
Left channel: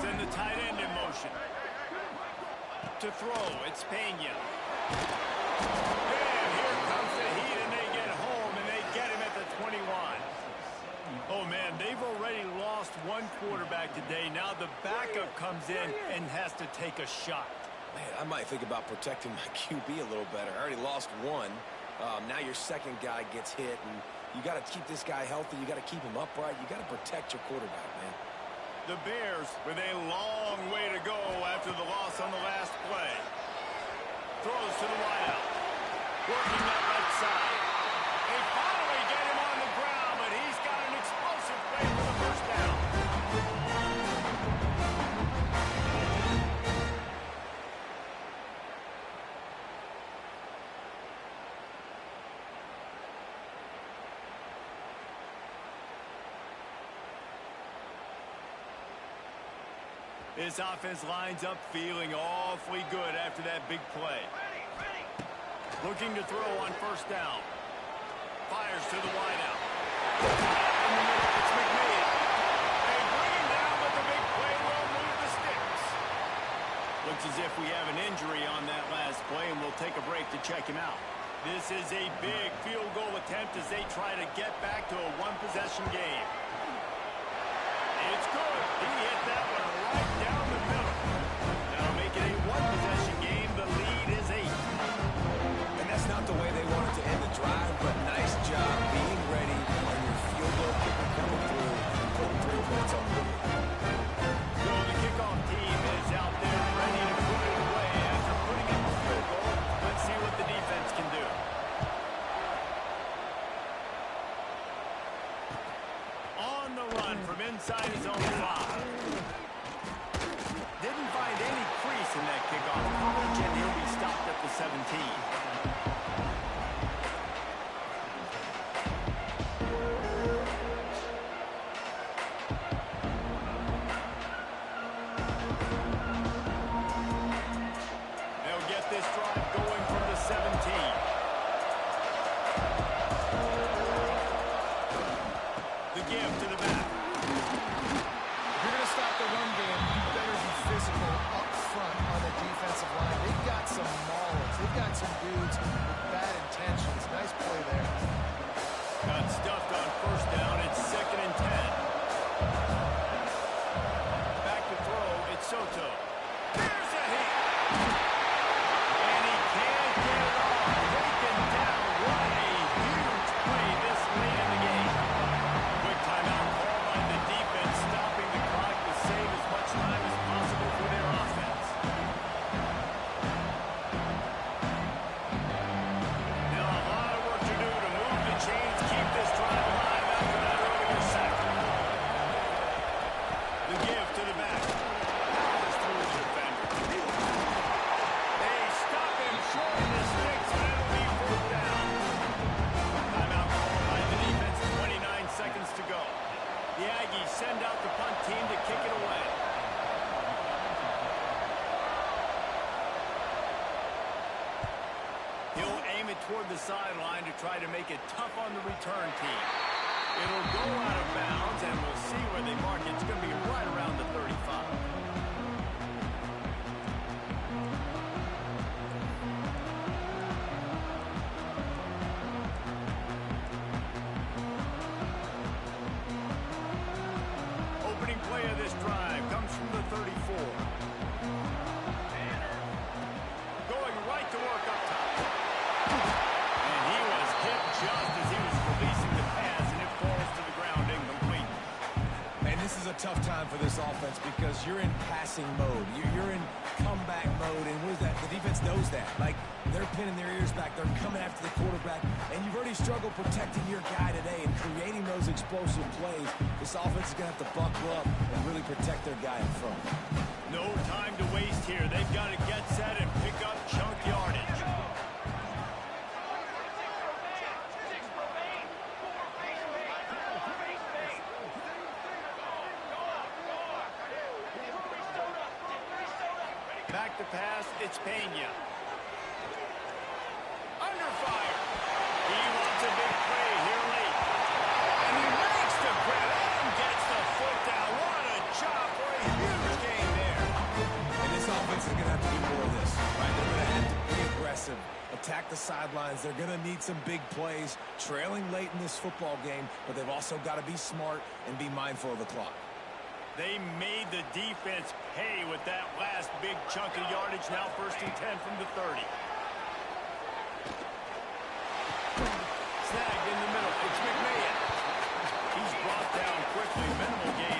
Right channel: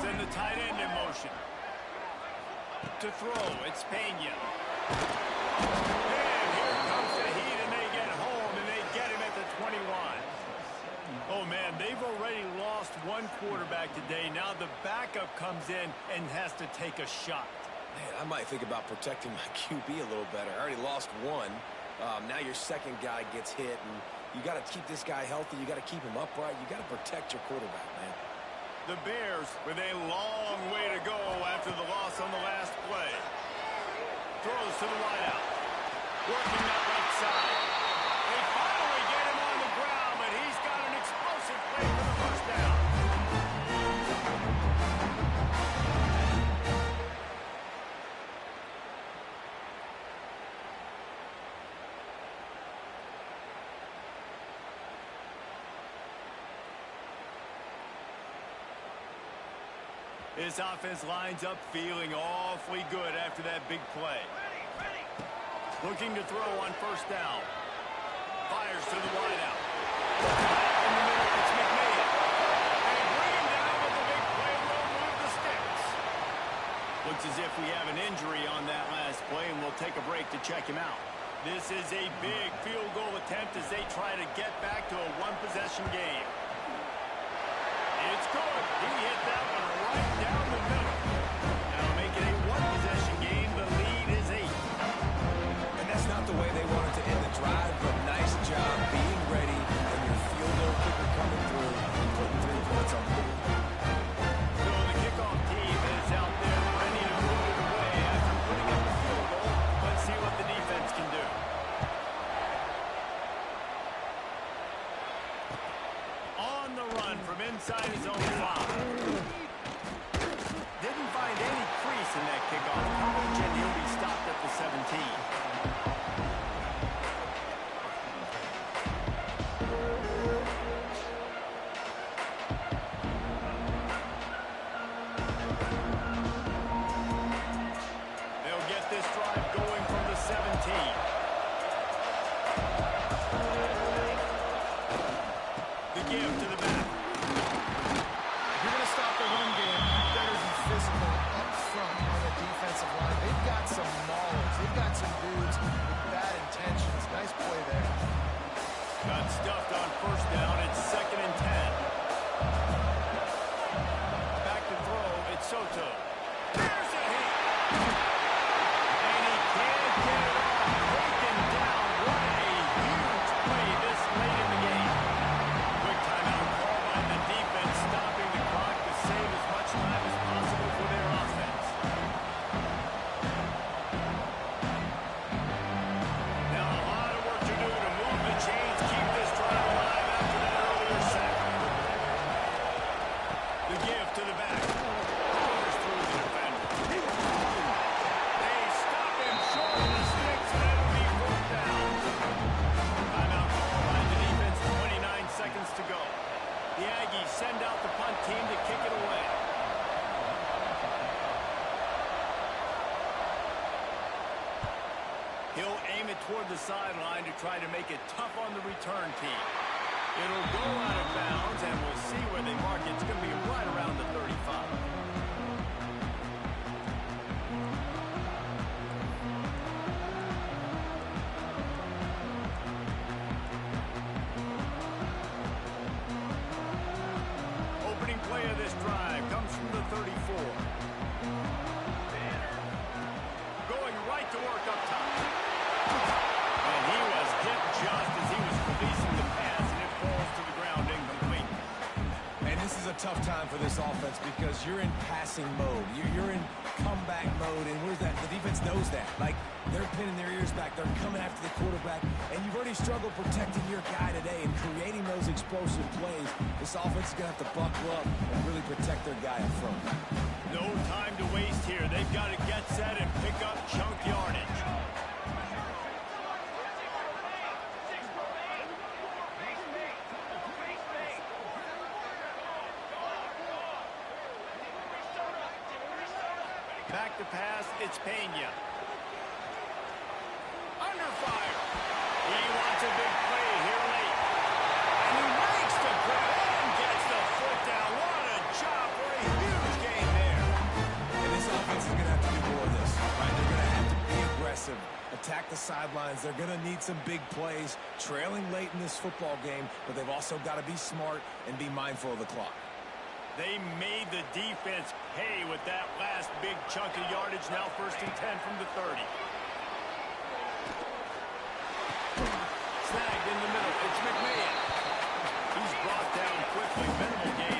Send the tight end in motion. To throw, it's Pena. And here comes the heat, and they get home, and they get him at the 21. Oh, man, they've already lost one quarterback today. Now the backup comes in and has to take a shot. Man, I might think about protecting my QB a little better. I already lost one. Now your second guy gets hit, and you got to keep this guy healthy. You got to keep him upright. You got to protect your quarterback, man. The Bears with a long way to go after the loss on the last play. Throws to the wideout. Working that left side. They finally get him on the ground, but he's got an explosive play for the first down. This offense lines up feeling awfully good after that big play. Looking to throw on 1st down. Fires to the wideout. In the middle, it's McMahon. They bring him down, but the big play will move the sticks. Looks as if we have an injury on that last play, and we'll take a break to check him out. This is a big field goal attempt as they try to get back to a one-possession game. It's good. He hit that one right down the middle. That'll make it a one-possession game. The lead is 8. And that's not the way they wanted to end the drive, but nice job being ready and your field goal kicker coming through and putting 3 points on the board. So the kickoff team is out there ready to put it away after putting up a field goal. Let's see what the defense can do. On the run from inside his own 5. Didn't find any crease in that kickoff coverage, and he'll be stopped at the 17. They'll get this drive going from the 17. The give to the back. If you're going to stop the run game, you better be physical up front on the defensive line. They've got some maulers. They've got some dudes with bad intentions. Nice play there. Got stuffed on first down. It's 2nd and 10. Back to throw. It's Soto. There's a hit. And he can't get it off. Taken down. What a huge play this late in the game. Quick timeout call by the defense, stopping the clock to save as much time as possible for their offense. Now a lot of work to do to move the chains, keep this drive alive after that earlier sack. The give to the back. Powers through the defender. They stop him short of the sticks, and it'll be 4th down. Timeout call by the defense, 29 seconds to go. The Aggies send out the punt team to kick it away. He'll aim it toward the sideline to try to make it tough on the return team. It'll go out of bounds, and we'll see where they mark it. It's going to be right around the 35. Opening play of this drive comes from the 34. Going right to work up top. And he was hit just as he was releasing the pass, and it falls to the ground incomplete. And this is a tough time for this offense because you're in passing mode. You're in comeback mode, and what is that? The defense knows that. Like, they're pinning their ears back. They're coming after the quarterback, and you've already struggled protecting your guy today and creating those explosive plays. This offense is going to have to buckle up and really protect their guy up front. No time to waste here. They've got to get set and pick up chunk yardage. Back to pass, it's Pena. Under fire. He wants a big play here late. And he makes the grab and gets the foot down. What a job for a huge gain there. And this offense is going to have to do more of this, right? They're going to have to be aggressive, attack the sidelines. They're going to need some big plays, trailing late in this football game, but they've also got to be smart and be mindful of the clock. They made the defense pay with that last big chunk of yardage. Now 1st and 10 from the 30. Snagged in the middle. It's McMahon. He's brought down quickly. Minimal gain